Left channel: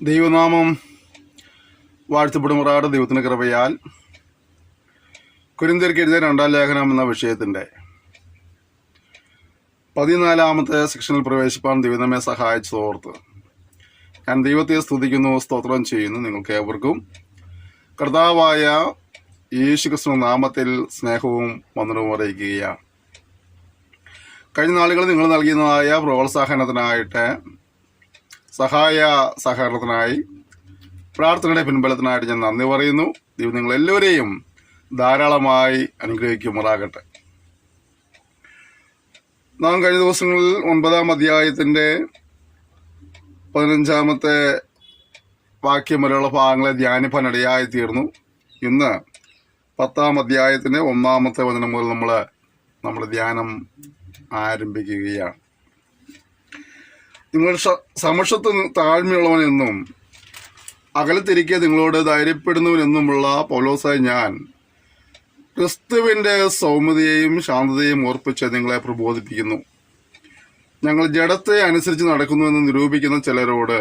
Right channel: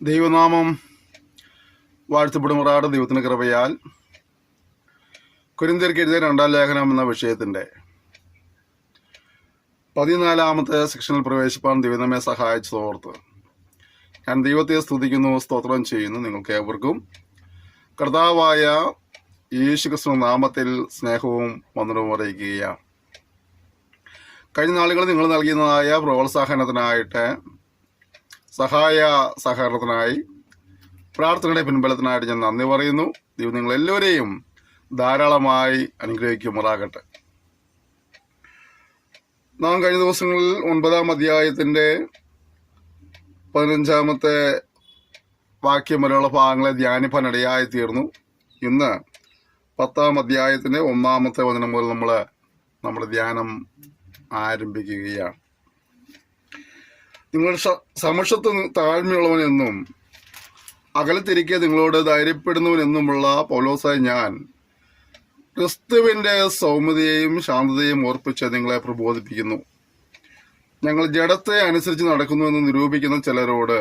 ദൈവനാമം വാഴ്ത്തപ്പെടുമാറാകട്ടെ. ദൈവത്തിന്റെ കൃപയാൽ കൊരിന്ത്യർക്ക് എഴുതിയ 2-ാം ലേഖനം എന്ന വിഷയത്തിന്റെ 14-ാമത്തെ സെക്ഷനിൽ പ്രവേശിപ്പാൻ ദൈവം നമ്മെ സഹായിച്ചതോർത്ത് ഞാൻ ദൈവത്തെ സ്തുതിക്കുന്നു, സ്തോത്രം ചെയ്യുന്നു. നിങ്ങൾക്ക് ഏവർക്കും കർത്താവായ യേശുക്രിസ്തു നാമത്തിൽ സ്നേഹവും വന്ദനവും അറിയിക്കുകയാണ്. കഴിഞ്ഞ നാളുകളിൽ നിങ്ങൾ നൽകുന്നതായ പ്രോത്സാഹനത്തിനായിട്ട്, സഹായ സഹകരണത്തിനായി, പ്രാർത്ഥനയുടെ പിൻബലത്തിനായിട്ട് ഞാൻ നന്ദി പറയുന്നു. ദൈവം നിങ്ങളെല്ലാവരെയും ധാരാളമായി അനുഗ്രഹിക്കുമാറാകട്ടെ. നാം കഴിഞ്ഞ ദിവസങ്ങളിൽ 9-ാം അധ്യായത്തിന്റെ 15-ാമത്തെ വാക്യം വരെയുള്ള ഭാഗങ്ങളെ ധ്യാനിപ്പാനിടയായി തീർന്നു. ഇന്ന് 10-ാം അധ്യായത്തിന്റെ 1-ാമത്തെ വചനം മുതൽ നമ്മുടെ ധ്യാനം ആരംഭിക്കുകയാണ്. നിങ്ങൾ സമക്ഷത്ത് താഴ്മയുള്ളവനെന്നും അകലത്തിരിക്കെ നിങ്ങളോട് ധൈര്യപ്പെടുന്നവനെന്നുമുള്ള പൗലോസായ ഞാൻ ക്രിസ്തുവിന്റെ സൗമ്യതയെയും ശാന്തതയും ഓർപ്പിച്ച് നിങ്ങളെ പ്രബോധിപ്പിക്കുന്നു. ഞങ്ങൾ ജഡത്തെ അനുസരിച്ച് നടക്കുന്നുവെന്ന് നിരൂപിക്കുന്ന ചിലരോട്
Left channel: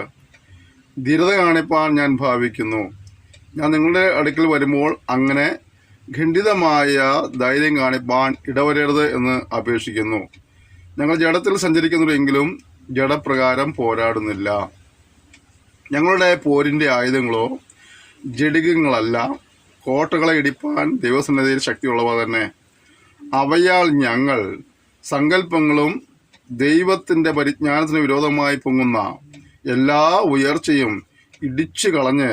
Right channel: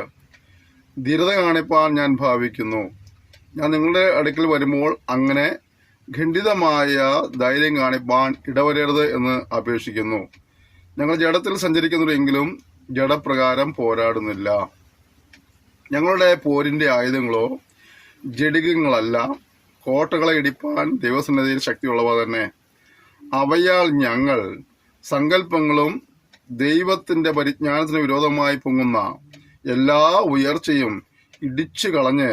ധീരത കാണിപ്പാൻ ഞാൻ ഭാവിക്കുന്നു. ഞാൻ നിങ്ങളുടെ അടുക്കൽ വരുമ്പോൾ അങ്ങനെ ഖണ്ഡിതമായ ധൈര്യം കാണിപ്പാൻ ഇടവരരുത് എന്ന് അപേക്ഷിക്കുന്നു. ഞങ്ങൾ ജഡത്തിൽ സഞ്ചരിക്കുന്നുണ്ടെങ്കിലും ജഡപ്രകാരം പോരാടുന്നില്ല. ഞങ്ങളുടെ പോരിന്റെ ആയുധങ്ങളോ ജഡികങ്ങളല്ല, കോട്ടകളെ ഇടിപ്പാൻ ദൈവസന്നിധിയിൽ ശക്തിയുള്ളവ തന്നെ. അവയാൽ ഞങ്ങൾ സങ്കല്പങ്ങളും ദൈവത്തിന്റെ പരിജ്ഞാനത്തിന് വിരോധമായി പൊങ്ങുന്ന എല്ലാ ഉയർച്ചയും ഇടിച്ചു കളഞ്ഞ്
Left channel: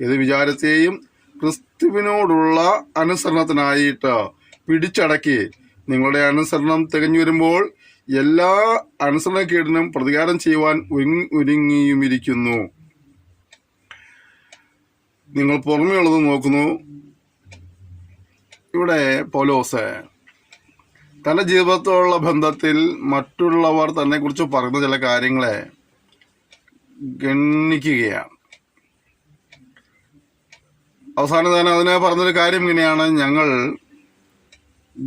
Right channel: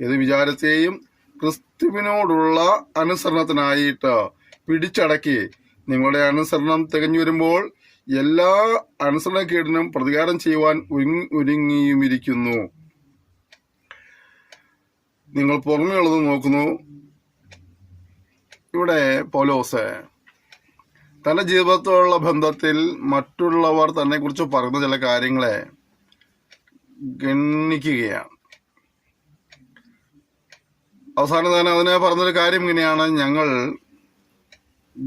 ഏത് വിചാരത്തെയും ക്രിസ്തുവിനോടുള്ള അനുസരണത്തിനായിട്ട് പിടിച്ചടക്കി നിങ്ങളുടെ അനുസരണം തികഞ്ഞു വരുമ്പോൾ എല്ലാ അനുസരണക്കേടിനും പ്രതികാരം ചെയ്യുവാൻ ഒരുങ്ങിയുമിരിക്കുന്നു. നിങ്ങൾ പുറമെയുള്ളത് നോക്കുന്നു. ഇവിടെ പൗലോസ് തന്റെ ജീവിതത്തോടുള്ള ബന്ധത്തിൽ മറ്റുള്ളവർ തന്നെ കുറിച്ച് പറയുന്ന ചില കാര്യങ്ങളെ ഗണ്ണിക്കുകയാണ്. അവസാനം തന്നെ അതിനെ പറഞ്ഞൊരു കാര്യം ഇങ്ങനെയാണ്: ഞങ്ങൾ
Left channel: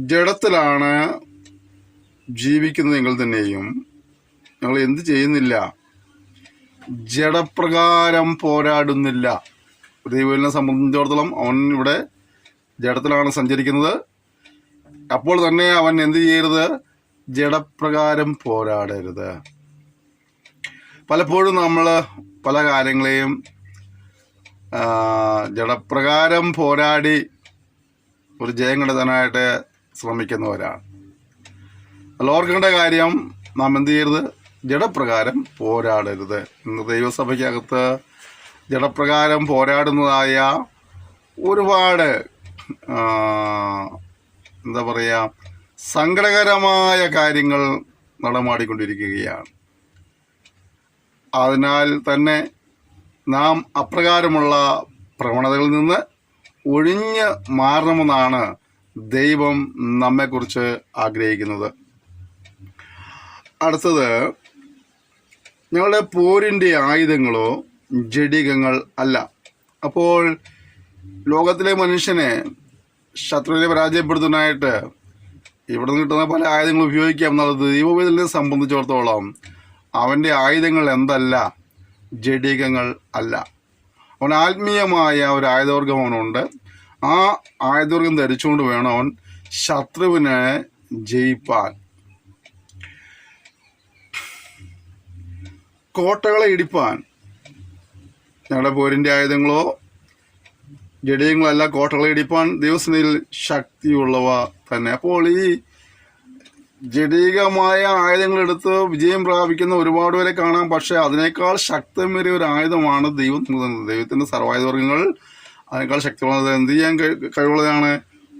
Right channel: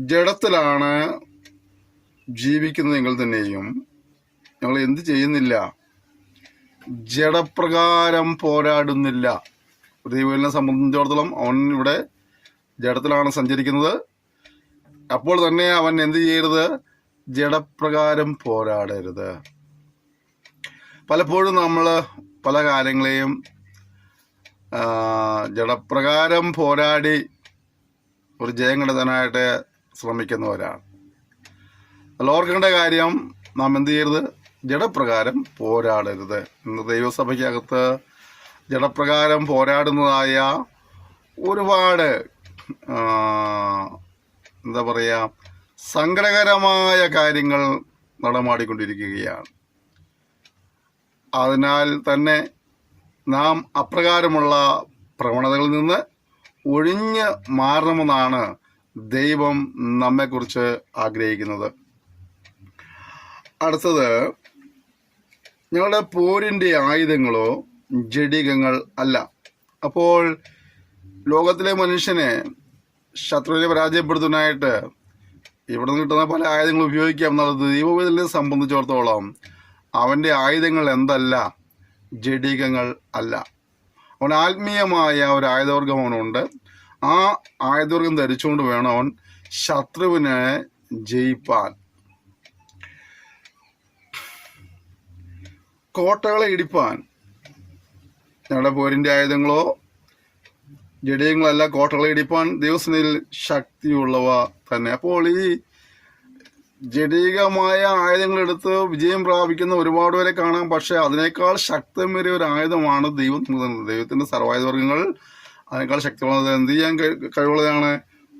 ജഡത്തിലാണ് ജീവിക്കുന്നതെങ്കിൽ തന്നെയും ഞങ്ങൾ എന്ത് ചെയ്യുന്നില്ല? ജഡപ്രകാരം പോരാടുന്നില്ല. ദൈവത്തിനെ സംബന്ധിച്ചിടത്തോളം അവൻ ഇവിടെ ജഡത്തിലാണ് സഞ്ചരിക്കുന്നത്. അപ്പോൾ തന്നെ അവൻ എന്ത് ചെയ്യരുത്? ജഡപ്രകാരം പോരാടരുത്. പലപ്പോഴും നമ്മൾ പല കാര്യങ്ങളെയും ജഡപ്രകാരം പോരാടി ഒരു ജയം കണ്ടെത്താനായിട്ട് ശ്രമിക്കുന്നവരാണ്. ഓർക്കേണ്ട കാര്യം, നാം എന്ത് ചെയ്യരുത്? ജഡപ്രകാരം പോരാടരുത്. ഇന്ന് ദൈവസഭയ്ക്കകത്ത് ജഡപ്രകാരം പോരാടുന്നതായ ഒരുപാട് സങ്കടകരമായ കാര്യങ്ങൾ നടമാടിക്കൊണ്ടിരിക്കുകയാണ്. അതിനാൽ തന്നെ നാം അപ്രകാരമുള്ള പ്രവണതകളിൽ നിന്ന് ഒഴിഞ്ഞ് മാറണമെന്നാണ് ദൈവം നമ്മെക്കുറിച്ച് ആഗ്രഹിക്കുന്നത്. അടുത്തത്, ഞങ്ങളുടെ പോരിന്റെ ആയുധങ്ങളോ ജഡികങ്ങൾ അല്ല. അപ്പോൾ ലോകത്തിലെ മനുഷ്യനെ ശത്രുവിനെ പരാജയപ്പെടുത്താനായിട്ട് ഇവിടെ നിന്ന് കിട്ടുന്ന പല ആയുധങ്ങൾ ഉപയോഗിക്കാം എന്നുള്ളത് ദൈവവേദനെ സംബന്ധിച്ചിടത്തോളം അവന്റെ ആയുധങ്ങൾ എന്തല്ല? ജഡികങ്ങൾ അല്ല. അവൻ ആത്മീയമായ ഒരു ആയുധവർഗം അവനുണ്ട്. ആ ആയുധവർഗം ധരിച്ചുകൊണ്ട് വേണം അവൻ ശത്രുവിനെ ജയിപ്പാൻ. കോട്ടകളെ ഇടിപ്പാൻ ഞങ്ങളുടെ പോരിന്റെ ആയുധങ്ങളോ ജഡികങ്ങളല്ല. കോട്ടകളെ ഇടിപ്പാൻ ദൈവസന്നിധിയിൽ ശക്തിയുള്ളവ തന്നെ. അപ്പോൾ ഈ ജഡികമായ ആയുധങ്ങൾ എടുത്ത് വിജയം പ്രാപിക്കുന്ന ഒരുപാട് പേരെ കാണാം. പക്ഷെ അതിനേക്കാൾ ശക്തമേറിയ ഒരു ആയുധമാണ് ദൈവത്തിന്റെ സർവായുധവർഗങ്ങൾ. അതിനേക്കാൾ ശക്തിയുള്ളത് എന്ത് ചെയ്യാൻ കഴിവുള്ളതാണ്?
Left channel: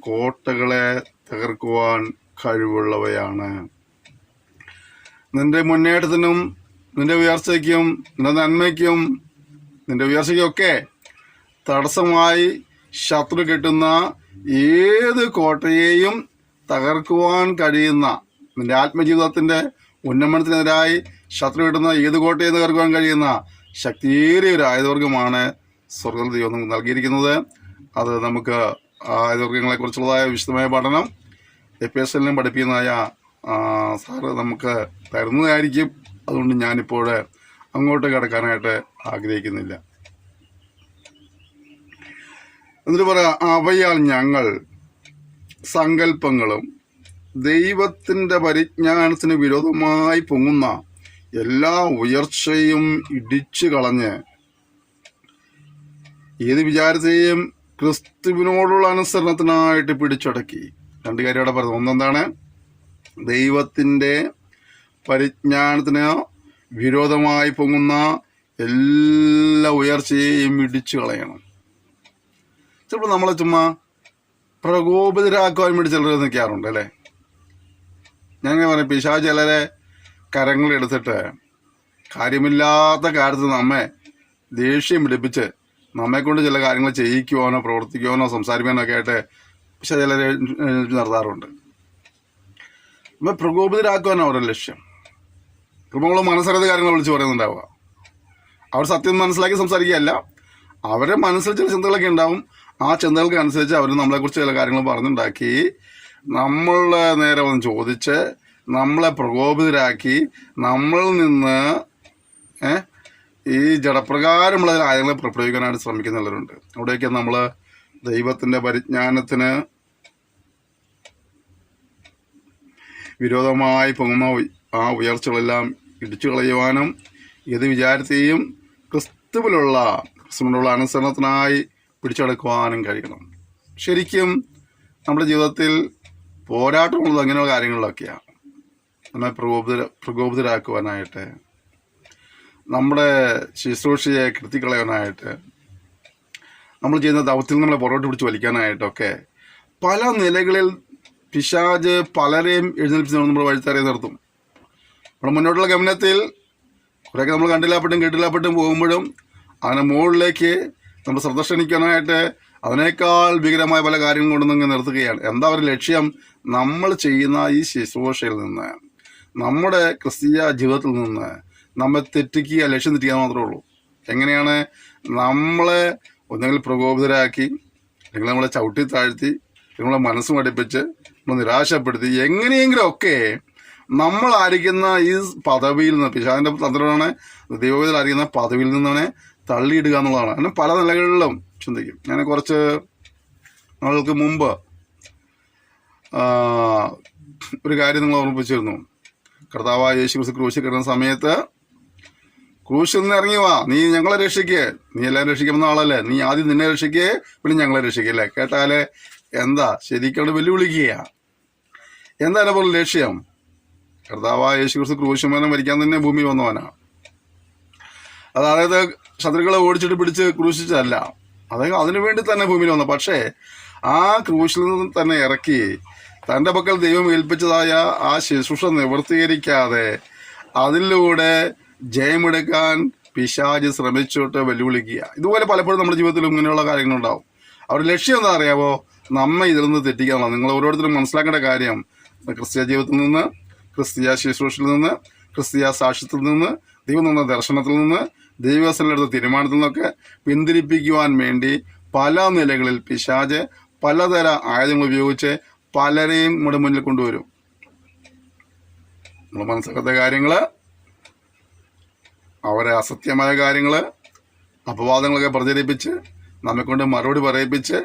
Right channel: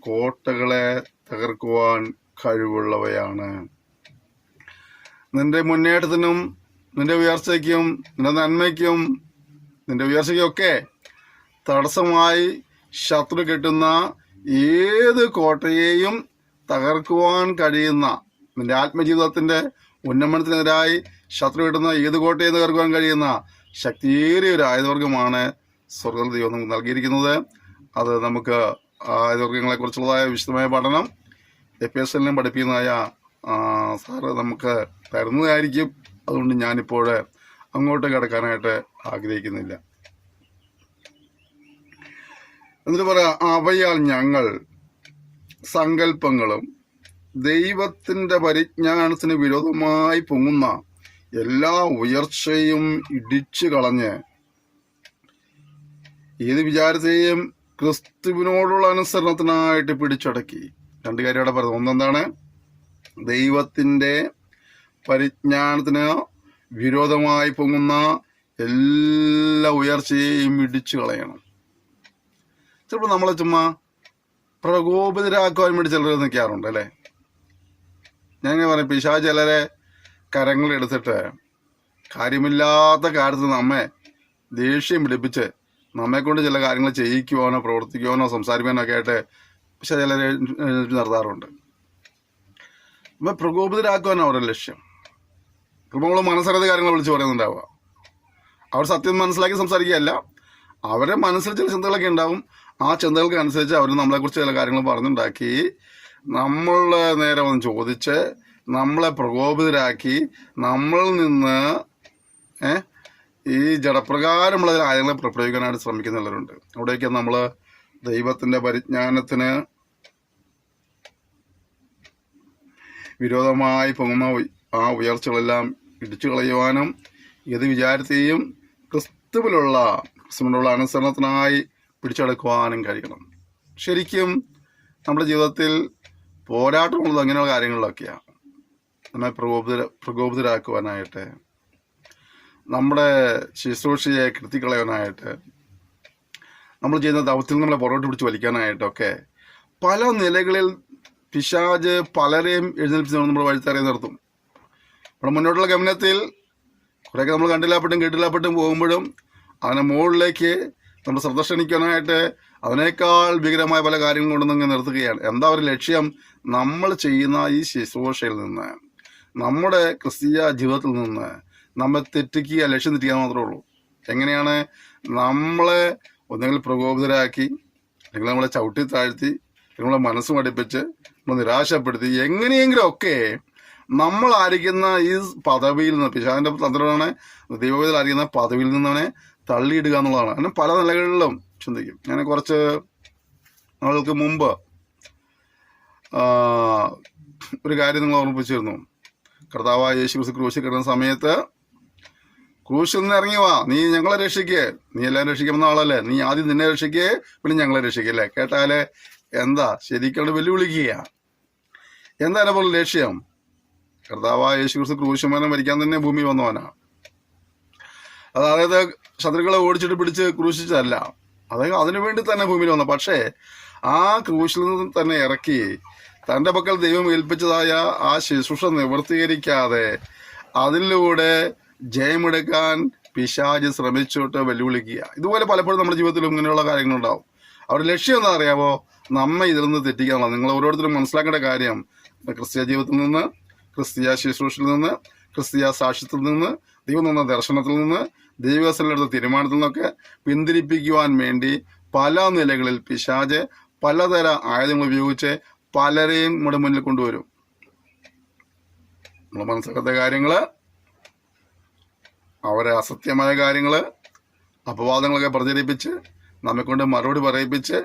കോട്ടകളെ തകർക്കുവാൻ കഴിവുള്ളവയാണ്. നിന്റെ മുന്നേറ്റത്തിനും നിന്റെ ഉയർച്ചയ്ക്കും നിന്റെ നന്മയ്ക്കും നിന്റെ ഉയർച്ചയ്ക്കൊക്കെ തടസ്സമായി ശത്രു കെട്ടുന്ന ഏത് കോട്ടയെയും തകർക്കുവാൻ കഴിയുന്ന, നിന്റെ ആത്മജീവിതത്തിന്റെ ഉന്നമനത്തിനെതിരായി ശത്രു കെട്ടുന്ന ഏത് കോട്ടയും തകർക്കുവാൻ കഴിയുന്ന ശക്തിയേറിയ ഒരു ആയുധവർഗമാണ് സ്വർഗ്ഗ ദൈവം നമുക്ക് നൽകിയിരിക്കുന്നത്. അത് നമുക്ക് ആയുധവർഗങ്ങളെ കുറിച്ചുള്ളതായ വിശദമായ പഠനം എപ്പിഎസ്എല്ലിനും പഠിപ്പിക്കുന്നതായ സാറ് നമുക്ക് തരുന്നതായിരിക്കും. അതുകൊണ്ട് ഞാനിപ്പോൾ അങ്ങോട്ട് കിടക്കാനായിട്ട് ആഗ്രഹിക്കുന്നില്ല. എന്നിട്ട് പറയാം, അവയാൽ ഞങ്ങൾ സങ്കല്പങ്ങളും ദൈവത്തിന്റെ പരിജ്ഞാനത്തിന് വിരോധമായി പൊങ്ങുന്ന എല്ലാ ഉയർച്ചയും ഇടിച്ചു കളഞ്ഞ് ഏത് വിചാരത്തെയും ക്രിസ്തുവിനോടുള്ള അനുസരണത്തിനായിട്ട് പിടിച്ചടക്കി. രണ്ട് കാര്യം ഇവിടെ പറഞ്ഞു. ഒന്നെന്താണ്? ദൈവത്തിന്റെ പരിജ്ഞാനത്തിന് വിരോധമായി പൊങ്ങുന്ന എല്ലാ ഉയർച്ചയെയും ഇടിച്ചു കളയണം. ചിലപ്പോൾ നമ്മളെ ചുമ്മാ പ്രകോപിതരാക്കുവാൻ വേണ്ടി ചിലർ നിൽക്കാറുണ്ട് അല്ലേ. ഞാൻ പറഞ്ഞു, പിശാച് ചിലരെ കരങ്ങളെടുത്തിട്ട് കാര്യമില്ലാത്ത കാര്യത്തിൽ നമ്മെ ദേഷ്യം പിടിപ്പിച്ച് നമ്മെ കൊണ്ട് ചില കാര്യങ്ങൾ ചെയ്യിക്കുവാനോ പ്രവർത്തിക്കുവാനോ സംസാരിക്കാനോ ഒക്കെ ആയിട്ട് പക്ഷെ ചിലരെ നിർത്താറുണ്ട്. അപ്പം പ്രകോപിതരാക്കുവാനോ അവരുടെ ലക്ഷ്യം. നമ്മൾ മനസ്സിലാത്ത കാര്യങ്ങൾ വിളിച്ച് പറയുന്നുണ്ടാവുക. അവർ സത്യം മനസ്സിലാക്കി സംസാരിക്കുകയല്ല, അവരുടെ മനസ്സിൽ ചില ചിന്തകളൊക്കെ ഉണ്ടാവും. ആ ചിന്തകൾക്ക് അനുസരിച്ച് അവർ നമ്മളെക്കുറിച്ച് ചില കാര്യങ്ങൾ പറഞ്ഞുണ്ടാക്കി നമ്മളെ നേരെ വന്ന് ചോദിച്ച് നമ്മളെ പ്രകോപിതരാക്കി നമ്മളിൽ നിന്ന് ഈ ജഡപ്രകാരമുള്ള കാര്യങ്ങൾ പ്രയോഗിക്കാനായിട്ട് ശ്രമിക്കുന്നവരുണ്ട്. അവിടേക്ക് നമ്മൾ ദൈവത്തിന്റെ പരിജ്ഞാനത്തിന് വിരോധമായി പോകുന്ന ആ ഉയർച്ചകളെല്ലാം ഇടിച്ചു കളയുവാനും ഏത് വിചാരത്തെയും ക്രിസ്തുവിനുള്ള അനുസരണത്തിനായി പിടിച്ചെടുക്കുവാനും കഴിയണം. ശരിക്കും നമ്മുടെ ജീവിതത്തിൽ പോരാട്ടമുള്ളത് അങ്ങനെയുള്ള കാര്യങ്ങളിലൊക്കെയാണ്. നമ്മെ പ്രകോപിതരാക്കുവാനായിട്ട്, നമ്മുടെ ശുശ്രൂഷയെ കെടുത്തിക്കളയാനായിട്ട്, നമ്മൾ ചെയ്യുന്ന ദൗത്യത്തിൽ നമ്മളെ പുറകോട്ട് പിടിച്ച് വലിക്കാനായിട്ടൊക്കെ പല നിലകളിൽ പിശാച് പലരെയും എഴുന്നേൽപ്പിച്ച് നമ്മൾ വഴിത്തറിയ നിർത്തും. നമ്മുടെ മുന്നോട്ടുള്ള ഗമനത്തിൽ കുറേയൊക്കെ നമ്മൾ കണ്ടില്ലാപ്പെട്ടും കേട്ടില്ലാപ്പെട്ടും പോകുമ്പോഴും അതിനെ മുകളിലേക്ക് നമ്മുടെ ശ്രദ്ധ ക്ഷണിക്കാനായിട്ട് അതിനേക്കാൾ ഭീകരമായ പല കാര്യങ്ങൾ കൊണ്ടൊന്നും നിർത്തുകയാണ്. എന്താ ഒരു ലക്ഷ്യം? നമ്മൾ ചെയ്യുന്ന ഈ ശുശ്രൂഷയിൽ നിന്ന്, നമ്മുടെ ക്രിസ്തീയ ജീവിതത്തിൽ നിന്ന് നമ്മെ തെറ്റിക്കുക, ലക്ഷ്യം തെറ്റിക്കുക മാത്രമേ ഉള്ളൂ. എങ്ങനെയാണ്? നമ്മളെ ഒന്നെങ്കിൽ പ്രകോപിതരാക്കി, അല്ലെങ്കിൽ നമ്മളെ ചവിട്ടി താഴ്ത്തി, നമ്മളെ മനസ്സ് മടിപ്പിച്ച്, നമ്മൾ നിരാശപ്പെടുത്തി, എങ്ങനെയെങ്കിലും ഒക്കെ നമ്മൾ ആയിരിക്കുന്ന ഈ പദവിയിൽ നിന്ന്, പിശാചിന്റെ തന്ത്രമാണ് ദൈവവേദന അറിയുന്ന പദവിയിൽ നിന്നാണ് തള്ളിയിടുക എന്നുള്ളതാണ്. അങ്ങനെ പല നിലകളിലും ചിന്തിക്കും. ഞാൻ കുറച്ച് നാളുകൾക്ക് മുമ്പ് ഒരു കാര്യം നിങ്ങൾ ഓർമ്മിപ്പിച്ചിരുന്നു. കർത്താവായ യേശു ക്രിസ്തു ക്രൂശിൽ കിടന്ന സമയത്ത്, ക്രൂശിൽ നിന്ന് ഇറങ്ങി വാ, നീ ഞങ്ങളെ രക്ഷിക്കേ, നീ എല്ലാവരും രക്ഷിക്കുന്ന ആളല്ലേ, നീ ആദ്യം നിന്നെ രക്ഷിക്കേ, പിന്നെ ഞങ്ങളെ രക്ഷിക്കല്ലേ. കേട്ടാല് എന്താ ശരിക്കും വെല്ലുവിളിക്കുക. എന്താ എന്നെ പോലെ ലക്ഷ്യം? കർത്താവായ യേശു ക്രിസ്തു ക്രൂശുമരണം മരിക്കാൻ തന്നെ ഭൂമി വന്നവനാണ്. അതായത് ശത്രുക്കളെ ഓടിച്ചിട്ട് പിടിച്ച് ക്രൂശിച്ചതല്ല, അതായത് അതിനുവേണ്ടി തന്നെ ഭൂമിയിൽ വന്നു. പക്ഷേ ആ ക്രൂശിൽ നിന്ന് തന്നെ ഇറക്കി തന്റെ പക്കൽ ദൈവം ഏൽപ്പിച്ചതായ ആ ശുശ്രൂഷ നിവർത്തീകരിക്കാതെ അതിലൂടെ ജയമെടുക്കാൻ പിശാച് ശ്രമിച്ചോട്ട് വെല്ലുവിളിക്കുക. ഇതുപോലെ പലപ്പോഴും നമ്മുടെ ജീവിതത്തിലും ഇങ്ങനെയുള്ള കാര്യങ്ങളുണ്ടാവും. അവരുടെ ലക്ഷ്യം എന്താ അറിയാവോ? നമ്മെ ഇതിൽ നിന്ന് തെറ്റിക്കാനാണ്. നിങ്ങൾ ഓരോരുത്തരും മനസ്സിലാക്കേണ്ട കാര്യം, ക്രിസ്തീയ ജീവിതത്തിൽ നിന്ന്, ക്രിസ്തീയ ശുശ്രൂഷയിൽ നിന്ന്, ക്രിസ്തീയ സാക്ഷ്യത്തിൽ നിന്ന്, ദൈവം നിന്ന ദർശനത്തിൽ നിന്ന്, ദൈവസ്ഥലെടുത്ത തീരുമാനത്തിൽ നിന്നൊക്കെ പിന്തിരിപ്പിക്കുവാൻ വേണ്ടി പല നിലകളിൽ പിശാച് പലതര ആയുധങ്ങൾ ഉപയോഗിച്ച് പലരെയും നമ്മുടെ മുന്നിൽ കൊണ്ടുവരും. നമ്മൾ മനസ്സിലാക്കാത്ത കാര്യങ്ങള്, അവരെ അസത്യമായ കാര്യങ്ങള്, അപവാദങ്ങളൊക്കെ പ്രചരിപ്പിച്ച് നമ്മെക്കൊണ്ട് മറുപടി പറയിപ്പിച്ച്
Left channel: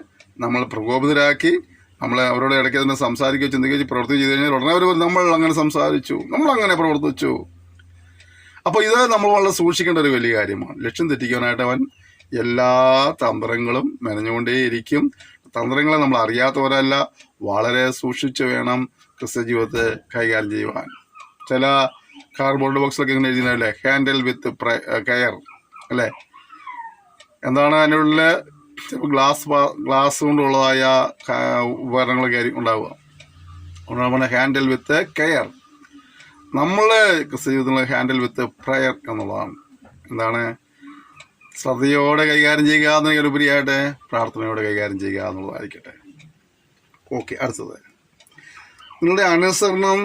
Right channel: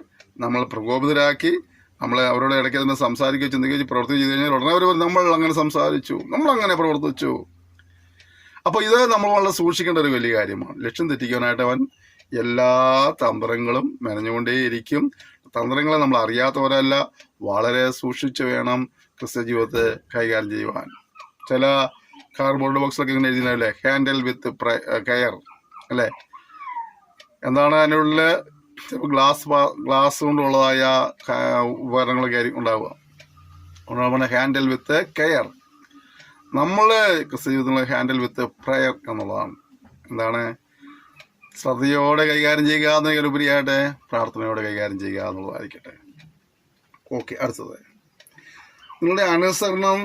നമ്മൾ പ്രകോപിതരാക്കി നമ്മളെ അവരോട് ഇടയ്ക്ക് തന്നെ സംസാരിക്കുകയോ ചിന്തിക്കുകയോ പ്രവർത്തി ചെയ്ത് കഴിഞ്ഞാൽ ഉടനെ അവർ നമ്മൾ അങ്ങനെ സംസാരിച്ചു, നമ്മൾ അങ്ങനെ പ്രവർത്തിച്ചു. അപ്പോൾ ഇത് നമ്മൾ വളരെ സൂക്ഷിക്കേണ്ട ഒരു വലിയ കാര്യമാണ്. ലക്ഷ്യം തെറ്റിക്കാനായിട്ട് അവൻ എല്ലാ തന്ത്രങ്ങളും മെനഞ്ഞുകൊണ്ടേയിരിക്കും. തന്ത്രങ്ങളെ നമ്മൾ അറിയാത്തവരല്ല, വളരെ സൂക്ഷിച്ച് വേണം ക്രിസ്ത്യ ജീവിതത്തെ കൈകാര്യം ചെയ്യുവാൻ. ചില കാർഡ്ബോർഡ് ബോക്സിലൊക്കെ ഇങ്ങനെ എഴുതുന്നല്ലേ, ഹാൻഡിൽ വിത്ത് കെയർ അല്ലേ. എന്താണ് അതിൻ്റെ ഉള്ളിൽ? ഗ്ലാസ് കൊണ്ടുള്ളതായ ഉപകരണങ്ങളൊക്കെ ഉണ്ടാവുക. അതുകൊണ്ടാണ് ഹാൻഡിൽ വിത്ത് കെയർ. നമ്മളെ ക്രിസ്ത്യ ജീവിതത്തിലുള്ള ഹാൻഡിൽ വിത്ത് പ്രയർ എന്നുള്ളതാണ്. എന്താണ്? ശ്രദ്ധയോടെ കൈകാര്യം ചെയ്യുക എന്നതിലുപരിയായിട്ട് പ്രാർത്ഥനയോടെ കൈകാര്യം ചെയ്യുക എന്നുള്ളതായിരിക്കട്ടെ. ഓക്കെ, അടുത്തത്, നിങ്ങളുടെ അനുസരണം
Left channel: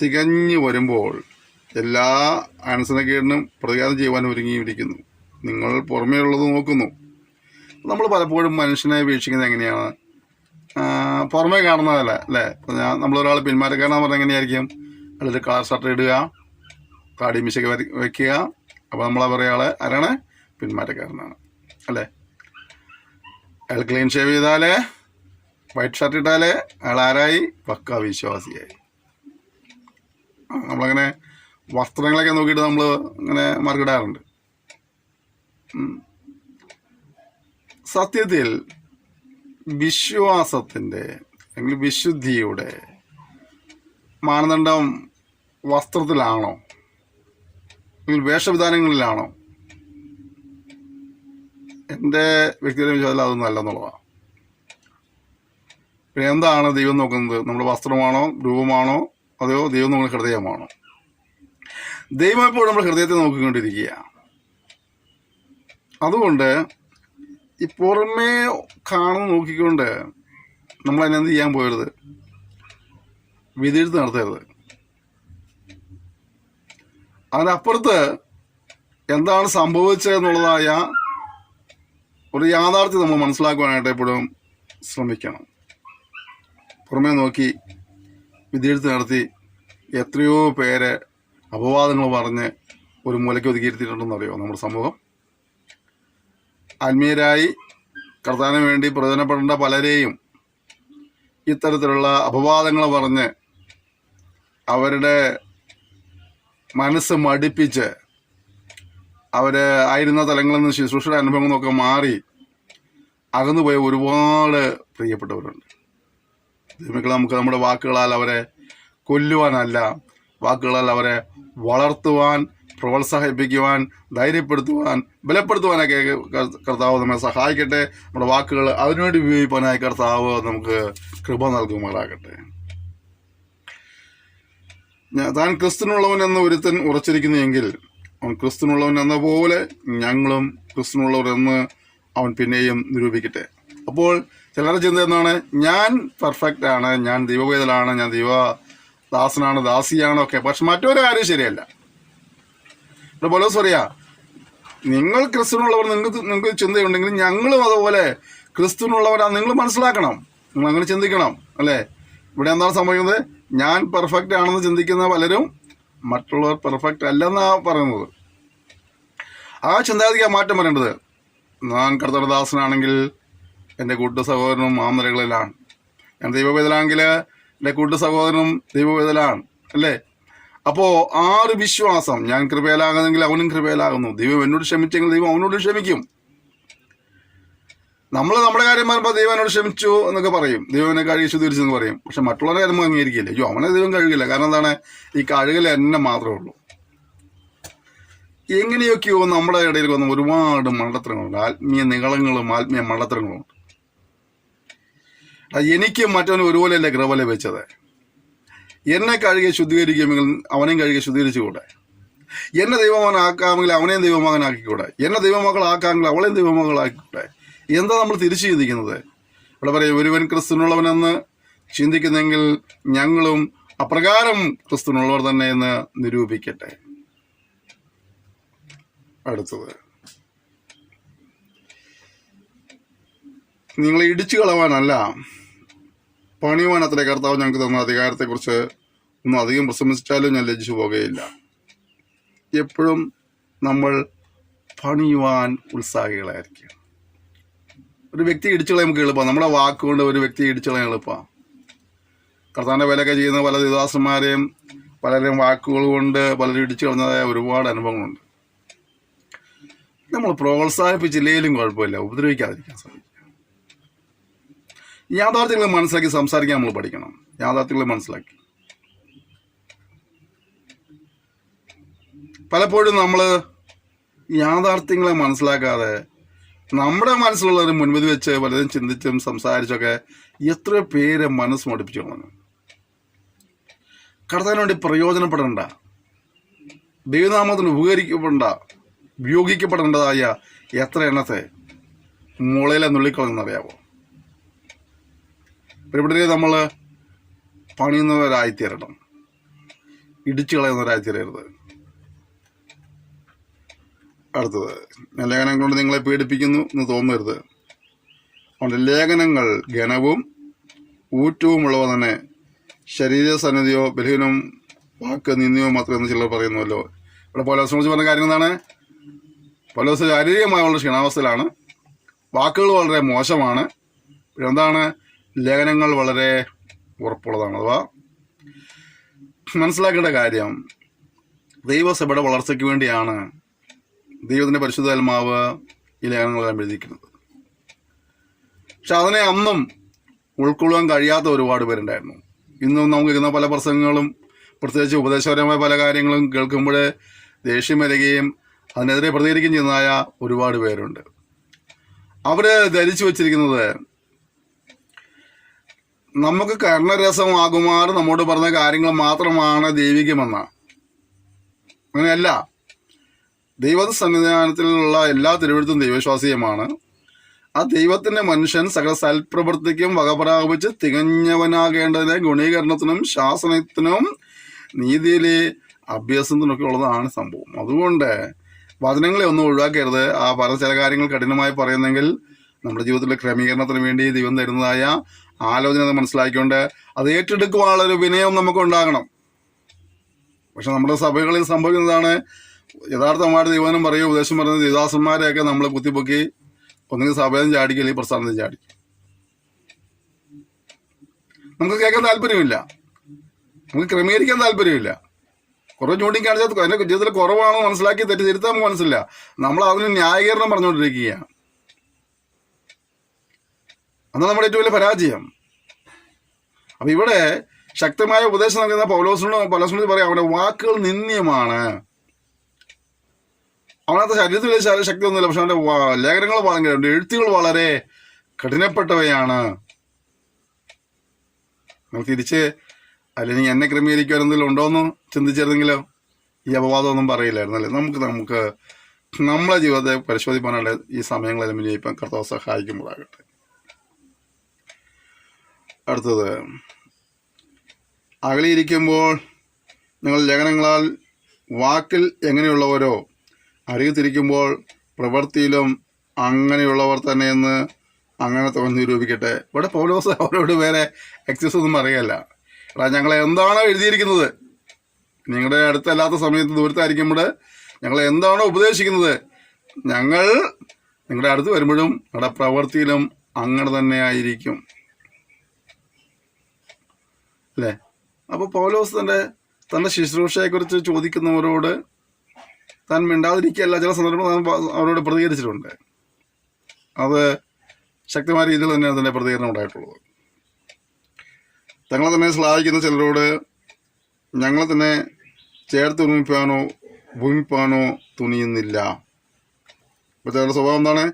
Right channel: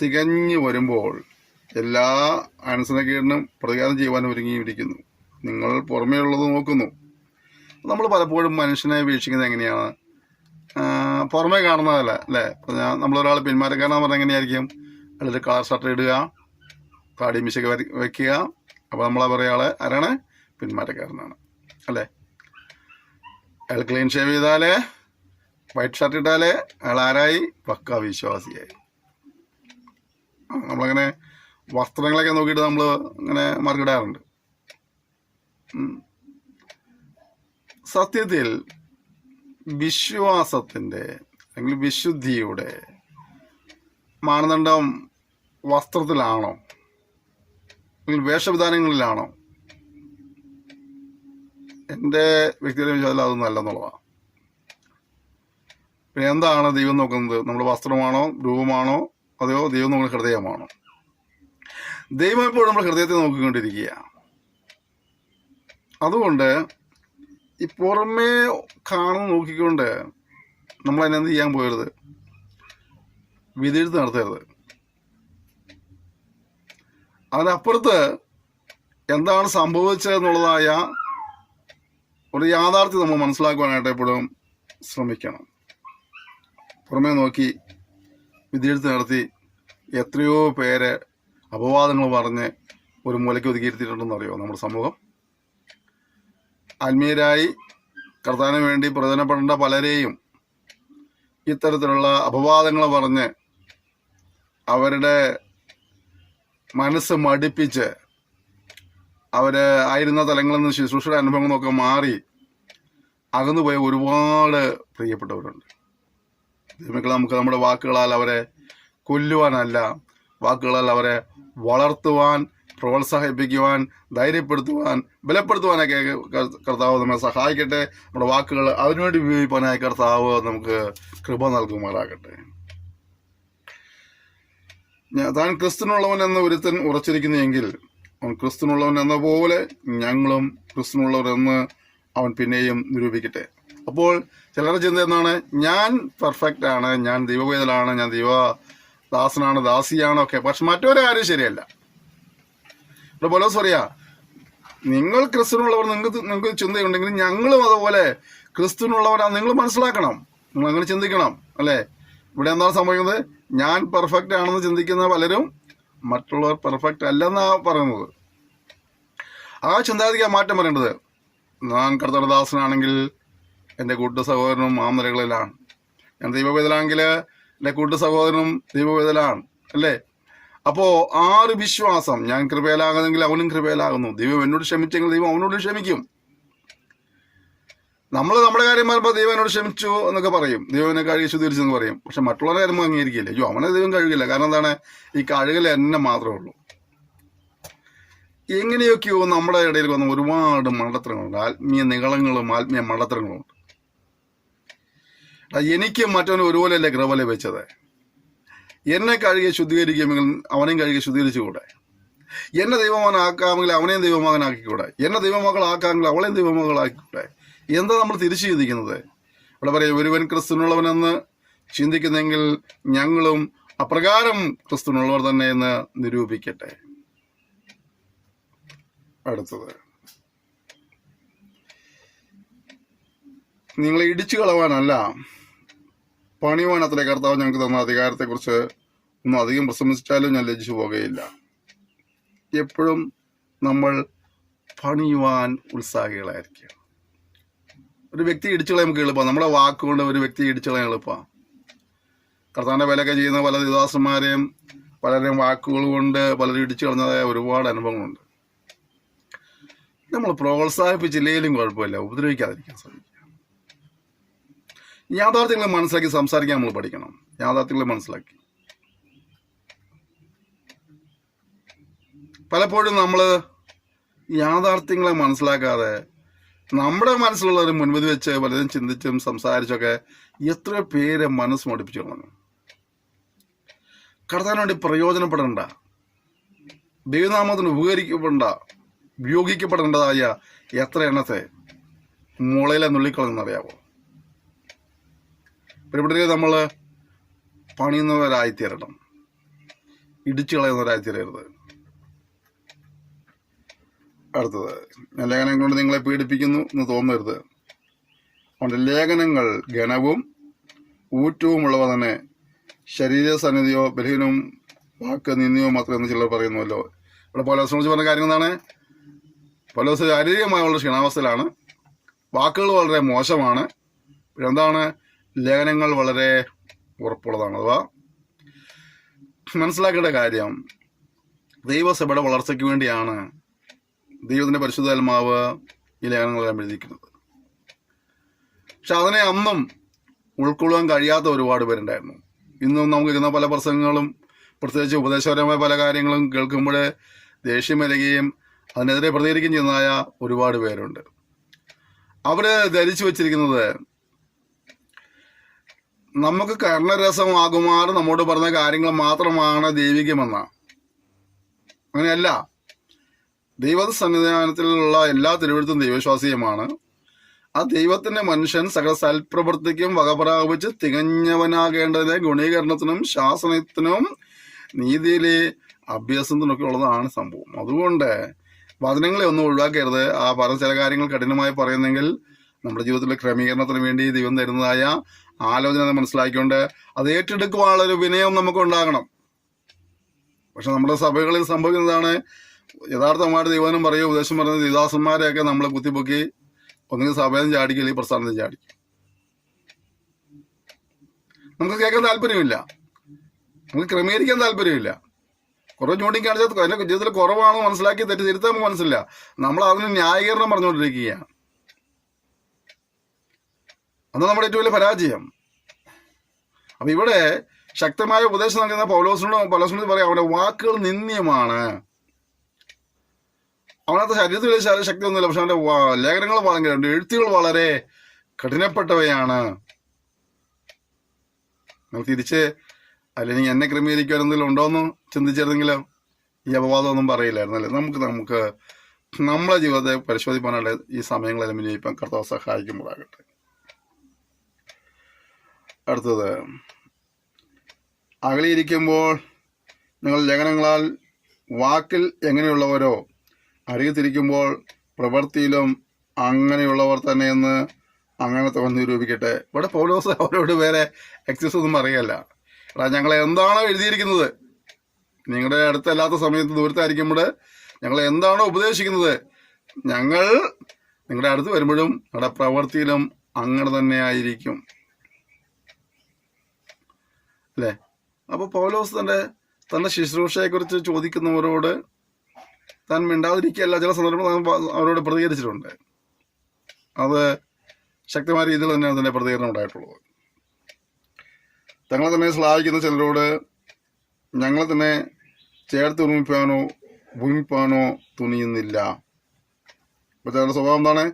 തികഞ്ഞു വരുമ്പോൾ എല്ലാ അനുസരണക്കേടിനും പ്രതികാരം ചെയ്യുവാൻ ഒരുങ്ങിയിരിക്കുന്നു. നിങ്ങൾ പുറമേ ഉള്ളത് നോക്കുന്നു. നമ്മൾ പലപ്പോഴും മനുഷ്യനെ വീക്ഷിക്കുന്നത് എങ്ങനെയാണ്? പുറമേ കാണുന്നതല്ല അല്ലേ. നമ്മളൊരാൾ പിന്മാറ്റക്കാരനെന്ന് പറഞ്ഞാൽ എങ്ങനെയായിരിക്കും? അതിലൊരു കളർ ഷർട്ട് ഇടുക, താടി മിശയൊക്കെ വെക്കുക, അപ്പോൾ നമ്മളാ പറയാളെ ആരാണ്? പിന്മാറ്റക്കാരനാണ് അല്ലേ. അയാൾ ക്ലീൻ ഷേവ് ചെയ്താലേ, വൈറ്റ് ഷർട്ട് ഇട്ടാലേ അയാൾ ആരായി? പക്ക വിശ്വാസിയായി. നമ്മളങ്ങനെ വസ്ത്രങ്ങളൊക്കെ നോക്കിയിട്ട് നമ്മൾ ഇങ്ങനെ മറികിടാറുണ്ട്. സത്യത്തിൽ വിശ്വാസത്തിൻ്റെ അല്ലെങ്കിൽ വിശുദ്ധിയുടെ മാനദണ്ഡം വസ്ത്രത്തിലാണോ അല്ലെങ്കിൽ വേഷവിധാനങ്ങളിലാണോ? എൻ്റെ വ്യക്തിഗത വിശ്വാസത്തിൽ അതൊന്നും അല്ലെന്നുള്ളതാണ്. പിന്നെ എന്താണ് ദൈവം നോക്കുന്നത്? നമ്മുടെ വസ്ത്രമാണോ, രൂപമാണോ, അതെയോ ദൈവം നമ്മുടെ ഹൃദയമാണോ? ദൈവം എപ്പോഴും നമ്മുടെ ഹൃദയത്തെ നോക്കിക്കൊണ്ടിരിക്കുക. അതുകൊണ്ട് ഈ പുറമേ കാണുന്ന നോക്കിക്കൊണ്ട് നമ്മൾ അതിനെന്ത് ചെയ്യാൻ പോകരുത്, വിധിയെഴുത്ത് നടത്തരുത്. അതിനപ്പുറത്ത് എന്താണ് സംഭവിച്ചതെന്നുള്ളതായ ഒരു യാഥാർത്ഥ്യം നമ്മൾ മനസ്സിലാക്കുവാനായിട്ട് എപ്പോഴും ശ്രമിക്കണം. പുറമേ നോക്കി വിധിയെഴുത്ത് നടത്തി എത്രയോ പേരെ അപവാദങ്ങൾ പറഞ്ഞ് ഒരു മൂലയ്ക്ക് ഒതുക്കിയിരുത്തിയിട്ടുണ്ടെന്നറിയോ നമ്മുടെ സമൂഹം? ആത്മീയരായി കർത്താവിന് വേണ്ടി പ്രയോജനപ്പെടേണ്ട പലരെയും ഇത്തരത്തിലുള്ള അപവാദങ്ങൾ പറഞ്ഞ് അവരുടെ മനസ്സ് മടിപ്പിച്ച് ആയിരുന്ന തലങ്ങളിൽ നിന്ന് ശുശ്രൂഷയുടെ അനുഭവങ്ങളൊക്കെ മാറി അകന്നുപോയ ഒരുപാട് പ്രിയപ്പെട്ടവരുണ്ട്. നമുക്ക് നമ്മുടെ വാക്കുകളാൽ അവരെ കൊല്ലുവാനല്ല, വാക്കുകളാൽ അവരെ വളർത്തുവാൻ, പ്രോത്സാഹിപ്പിക്കുവാൻ, ധൈര്യപ്പെടുത്തുവാൻ, ബലപ്പെടുത്തുവാനൊക്കെ കർത്താവ് നമ്മെ സഹായിക്കട്ടെ. നമ്മുടെ വാക്കുകൾ അതിനുവേണ്ടി ഉപയോഗിക്കാനായി കർത്താവ് നമുക്ക് കൃപ നൽകുമാറാകട്ടെ. താൻ ക്രിസ്തുനുള്ളവൻ എന്ന ഒരുത്തൻ ഉറച്ചിരിക്കുന്നെങ്കിൽ അവൻ ക്രിസ്തുനുള്ളവൻ എന്ന പോലെ ഞങ്ങളും ക്രിസ്തുനുള്ളവരെന്ന് അവൻ പിന്നെയും നിരൂപിക്കട്ടെ. അപ്പോൾ ചിലരുടെ ചിന്ത എന്താണ്? ഞാൻ പെർഫെക്റ്റ് ആണ്, ഞാൻ ദൈവവേദലാണ്, ഞാൻ ദൈവദാസനാണ്, ദാസിയാണ് ഒക്കെ. പക്ഷെ മറ്റൊരാരും ശരിയല്ല. ഇവിടെ പൗലോസ് പറയാ, നിങ്ങൾ ക്രിസ്തുനുള്ളവർ, നിങ്ങൾക്ക് ചിന്തയുണ്ടെങ്കിൽ ഞങ്ങളും അതുപോലെ ക്രിസ്തുനുള്ളവരാണ് നിങ്ങൾ മനസ്സിലാക്കണം, നിങ്ങൾ അങ്ങനെ ചിന്തിക്കണം അല്ലേ. ഇവിടെ എന്താണ് സംഭവിക്കുന്നത്? ഞാൻ പെർഫെക്റ്റ് ആണെന്ന് ചിന്തിക്കുന്ന പലരും മറ്റുള്ളവർ പെർഫെക്റ്റ് അല്ലെന്നാ പറയുന്നത്. ആ ചിന്താഗതിക്ക് മാറ്റം വരേണ്ടത്. ഞാൻ കർത്തൃദാസനാണെങ്കിൽ എൻ്റെ കൂട്ട സഹോദരനും ആ നിലകളിലാണ്, ഞാൻ ദൈവവേദനാണെങ്കിൽ എൻ്റെ കൂട്ട സഹോദരനും ദൈവവേദനാണ് അല്ലേ. അപ്പോൾ ആറ് വിശ്വാസം, ഞാൻ കൃപയിലാകുന്നെങ്കിൽ അവനും കൃപയിലാകുന്നു, ദൈവം എന്നോട് ക്ഷമിച്ചെങ്കിൽ ദൈവം അവനോട് ക്ഷമിക്കും. നമ്മൾ നമ്മുടെ കാര്യം പറയുമ്പോൾ ദൈവം എന്നോട് ക്ഷമിച്ചു എന്നൊക്കെ പറയും, ദൈവം എന്നെ കഴുകി ശുദ്ധീകരിച്ചെന്ന് പറയും. പക്ഷെ മറ്റുള്ളവരുടെ കാര്യം അംഗീകരിക്കില്ല. അയ്യോ അവനെ ദൈവം കഴുകില്ല. കാരണം എന്താണ്? ഈ കഴുകൽ എന്നെ മാത്രമേ ഉള്ളൂ. എങ്ങനെയൊക്കെയോ നമ്മുടെ ഇടയിൽ വന്ന ഒരുപാട് മണ്ടത്തരങ്ങളുണ്ട്, ആത്മീയ നികളങ്ങളും ആത്മീയ മണ്ടത്തരങ്ങളുണ്ട്. എനിക്ക് മറ്റവന് ഒരുപോലെയല്ലേ കൃപ ലഭിച്ചത്. എന്നെ കഴുകി ശുദ്ധീകരിക്കുമെങ്കിൽ അവനെയും കഴുകി ശുദ്ധീകരിച്ചുകൂടെ? എന്നെ ദൈവമകനാക്കാമെങ്കിൽ അവനെയും ദൈവമകനാക്കിക്കൂടെ? എന്നെ ദൈവമകളാക്കാമെങ്കിൽ അവളെയും ദൈവമകളാക്കിക്കൂടെ? എന്താ നമ്മൾ തിരിച്ചു ചിന്തിക്കുന്നത്? ഇവിടെ പറയും, ഒരുവൻ ക്രിസ്തുനുള്ളവനെന്ന് ചിന്തിക്കുന്നെങ്കിൽ ഞങ്ങളും അപ്രകാരം ക്രിസ്തുനുള്ളവർ തന്നെ എന്ന് നിരൂപിക്കട്ടെ. അടുത്തത്, നിങ്ങളെ ഇടിച്ചു കളവാനല്ല പണിയുവാൻ അത്ര കർത്താവ് ഞങ്ങൾക്ക് തന്ന അധികാരത്തെക്കുറിച്ച് ഒന്നും അധികം പ്രശംസിച്ചാലും ഞാൻ ലജ്ജിച്ചു പോകുകയില്ല. എപ്പോഴും നമ്മൾ പണിയുവാൻ ഉത്സാഹികളായിരിക്കുക. ഒരു വ്യക്തി ഇടിച്ചു കളയാൻ നമുക്ക് എളുപ്പമാണ്. നമ്മുടെ വാക്കുകൊണ്ട് ഒരു വ്യക്തിയെ ഇടിച്ചു കളയാൻ എളുപ്പമാണ്. കർത്താവിൻ്റെ വിലയൊക്കെ ചെയ്യുന്ന പല ദാസന്മാരെയും പലരെയും വാക്കുകൾ കൊണ്ട് പലരും ഇടിച്ചു കളഞ്ഞതായ ഒരുപാട് അനുഭവങ്ങളുണ്ട്. നമ്മൾ പ്രോത്സാഹിപ്പിച്ചില്ലെങ്കിലും കുഴപ്പമില്ല, ഉപദ്രവിക്കാതിരിക്കാൻ സാധിക്കും. യാഥാർത്ഥ്യങ്ങൾ മനസ്സിലാക്കി സംസാരിക്കാൻ നമ്മൾ പഠിക്കണം. യാഥാർത്ഥ്യങ്ങൾ മനസ്സിലാക്കി. പലപ്പോഴും നമ്മൾ യാഥാർത്ഥ്യങ്ങളെ മനസ്സിലാക്കാതെ നമ്മുടെ മനസ്സിലുള്ളവരെ മുൻപിൽ വെച്ച് പലതും ചിന്തിച്ചും സംസാരിച്ചൊക്കെ എത്ര പേര് മനസ്സ് മടുപ്പിച്ചു കളഞ്ഞു. കർത്താവിന് വേണ്ടി പ്രയോജനപ്പെടേണ്ട, ദൈവനാമത്തിന് ഉപയോഗിക്കപ്പെടേണ്ടതായ എത്ര എണ്ണത്തെ മുളയിലെ നുള്ളിക്കളെന്നറിയാവോ? ഇവിടെ നമ്മൾ പണിയുന്നവരായിത്തീരണം, ഇടിച്ചു കളയുന്നവരായിത്തീരരുത്. അടുത്തത്, ലേഖനം കൊണ്ട് നിങ്ങളെ പീഡിപ്പിക്കുന്നു എന്ന് തോന്നരുത്. അവൻ്റെ ലേഖനങ്ങൾ ഘനവും ഊറ്റവുമുള്ളവ തന്നെ, ശരീരസന്നിധിയോ ബലഹീനവും വാക്ക് നിന്ദിയോ മാത്രമെന്ന് ചിലർ പറയുന്നുവല്ലോ. ഇവിടെ പൗലോസ് പറഞ്ഞ കാര്യം എന്താണ്? പൗലോസ് ശാരീരികമായുള്ള ക്ഷീണാവസ്ഥയിലാണ്. വാക്കുകൾ വളരെ മോശമാണ്. എന്താണ്? ലേഖനങ്ങൾ വളരെ ഉറപ്പുള്ളതാണ്. അഥവാ മനസ്സിലാക്കേണ്ട കാര്യം, ദൈവസഭയുടെ വളർച്ചയ്ക്ക് വേണ്ടിയാണ് ദൈവത്തിന്റെ പരിശുദ്ധാത്മാവ് ഈ ലേഖനങ്ങളെല്ലാം എഴുതിയിരിക്കുന്നത്. പക്ഷെ അതിനെ അന്നും ഉൾക്കൊള്ളാൻ കഴിയാത്ത ഒരുപാട് പേരുണ്ടായിരുന്നു. ഇന്നും നമുക്കിരുന്ന പല പ്രസംഗങ്ങളും പ്രത്യേകിച്ച് ഉപദേശപരമായ പല കാര്യങ്ങളും കേൾക്കുമ്പോൾ ദേഷ്യം വരികയും അതിനെതിരെ പ്രതികരിക്കുകയും ചെയ്യുന്നതായ ഒരുപാട് പേരുണ്ട്. അവര് ധരിച്ചു വച്ചിരിക്കുന്നത് നമുക്ക് കർണരസമാകുമാറ് നമ്മോട് പറഞ്ഞ കാര്യങ്ങൾ മാത്രമാണ് ദൈവികമെന്ന. അങ്ങനെയല്ല. ദൈവ സന്നിധാനത്തിലുള്ള എല്ലാ തിരുവഴുത്തും ദൈവവിശ്വാസീയമാണ്. ആ ദൈവത്തിന്റെ മനുഷ്യൻ സകല സൽപ്രവൃത്തിക്കും വകപ്രാപിച്ച് തികഞ്ഞവനാകേണ്ടതിന് ഗുണീകരണത്തിനും ശാസനത്തിനും നീതിയിലെ അഭ്യാസത്തിനൊക്കെ ഉള്ളതാണ് സംഭവം. അതുകൊണ്ട് വചനങ്ങളെ ഒന്നും ഒഴിവാക്കരുത്. ആ പറഞ്ഞ ചില കാര്യങ്ങൾ കഠിനമായി പറയുന്നെങ്കിൽ നമ്മുടെ ജീവിതത്തിലെ ക്രമീകരണത്തിന് വേണ്ടി ദൈവം തരുന്നതായ ആലോചന മനസ്സിലാക്കിക്കൊണ്ട് അത് ഏറ്റെടുക്കുവാനുള്ള ഒരു വിനയം നമുക്ക് ഉണ്ടാകണം. പക്ഷെ നമ്മുടെ സഭകളിൽ സംഭവിക്കുന്നതാണ്, യഥാർത്ഥമായിട്ട് ദൈവനും പറയുക ഉപദേശം പറയുന്ന ദേവദാസന്മാരെയൊക്കെ നമ്മൾ കുത്തിപ്പൊക്കി ഒന്നുകിൽ സഭയിൽ നിന്ന് ചാടിക്കും, അല്ലെങ്കിൽ പ്രസ്ഥാനത്തിൽ ചാടിക്കും. നമുക്ക് കേൾക്കാൻ താല്പര്യമില്ല, നമുക്ക് ക്രമീകരിക്കാൻ താല്പര്യമില്ല. കുറെ ചൂണ്ടിക്കാണിച്ചാൽ അതിന്റെ ജീവിതത്തിൽ കുറവാണെന്ന് മനസ്സിലാക്കി തിരുത്താൻ മനസ്സില്ല. നമ്മൾ അതിന് ന്യായീകരണം പറഞ്ഞുകൊണ്ടിരിക്കുകയാണ്. അതാണ് നമ്മുടെ ഏറ്റവും വലിയ പരാജയം. അപ്പൊ ഇവിടെ ശക്തമായ ഉപദേശം നൽകുന്ന പൗലോസിനോട് പറയാം, അവന്റെ വാക്കുകൾ നിന്ദ്യമാണ്. അവനകത്ത് ശരീരത്തിൽ വലിയ ശക്തിയൊന്നുമില്ല, പക്ഷെ അവന്റെ ലേഖനങ്ങൾ ഭയങ്കര, എഴുത്തുകൾ വളരെ കഠിനപ്പെട്ടവയാണ്. നമുക്ക് തിരിച്ച് അല്ലെങ്കിൽ എന്നെ ക്രമീകരിക്കാൻ എന്തെങ്കിലും ഉണ്ടോയെന്ന് ചിന്തിച്ചിരുന്നെങ്കിലോ ഈ അപവാദമൊന്നും പറയില്ലായിരുന്നല്ലേ. നമുക്ക് നമ്മളെ ജീവിതത്തെ പരിശോധിക്കാനുള്ള ഈ സമയങ്ങളെല്ലാം വിനിയോഗിക്കാൻ കർത്താവ് സഹായിക്കുമ്പോഴാകട്ടെ. അടുത്തത്, അകലിയിരിക്കുമ്പോൾ നിങ്ങൾ ലേഖനങ്ങളാൽ വാക്കിൽ എങ്ങനെയുള്ളവരോ അറിയത്തിരിക്കുമ്പോൾ പ്രവൃത്തിയിലും അങ്ങനെയുള്ളവർ തന്നെയെന്ന് അങ്ങനെ തോന്നി നിരൂപിക്കട്ടെ. ഇവിടെ പൗലോസ് അവരോട് വേറെ എക്സസ് ഒന്നും അറിയല്ല. എടാ, ഞങ്ങളെ എന്താണോ എഴുതിയിരിക്കുന്നത്, നിങ്ങളുടെ അടുത്തല്ലാത്ത സമയത്ത് ദൂരത്തായിരിക്കുമ്പോൾ ഞങ്ങൾ എന്താണോ ഉപദേശിക്കുന്നത്, ഞങ്ങൾ നിങ്ങളുടെ അടുത്ത് വരുമ്പോഴും നിങ്ങളുടെ പ്രവൃത്തിയിലും അങ്ങനെ തന്നെ ആയിരിക്കും അല്ലേ. അപ്പൊ പൗലോസ് തന്റെ ശുശ്രൂഷയെക്കുറിച്ച് ചോദിക്കുന്നവരോട് താൻ മിണ്ടാതിരിക്കുകയല്ല, ചില സന്ദർഭങ്ങൾ അവരോട് പ്രതികരിച്ചിട്ടുണ്ട്. അത് ശക്തമായ രീതിയിൽ തന്നെ അതിന്റെ പ്രതികരണം ഉണ്ടായിട്ടുള്ളത്. തങ്ങളെ തന്നെ ശ്ലാഘിക്കുന്ന ചിലരോട് ഞങ്ങളെ തന്നെ ചേർത്ത് ഭൂമിപ്പാനോ തുനിയുന്നില്ല. അപ്പൊ ചിലരുടെ സ്വഭാവം എന്താണ്?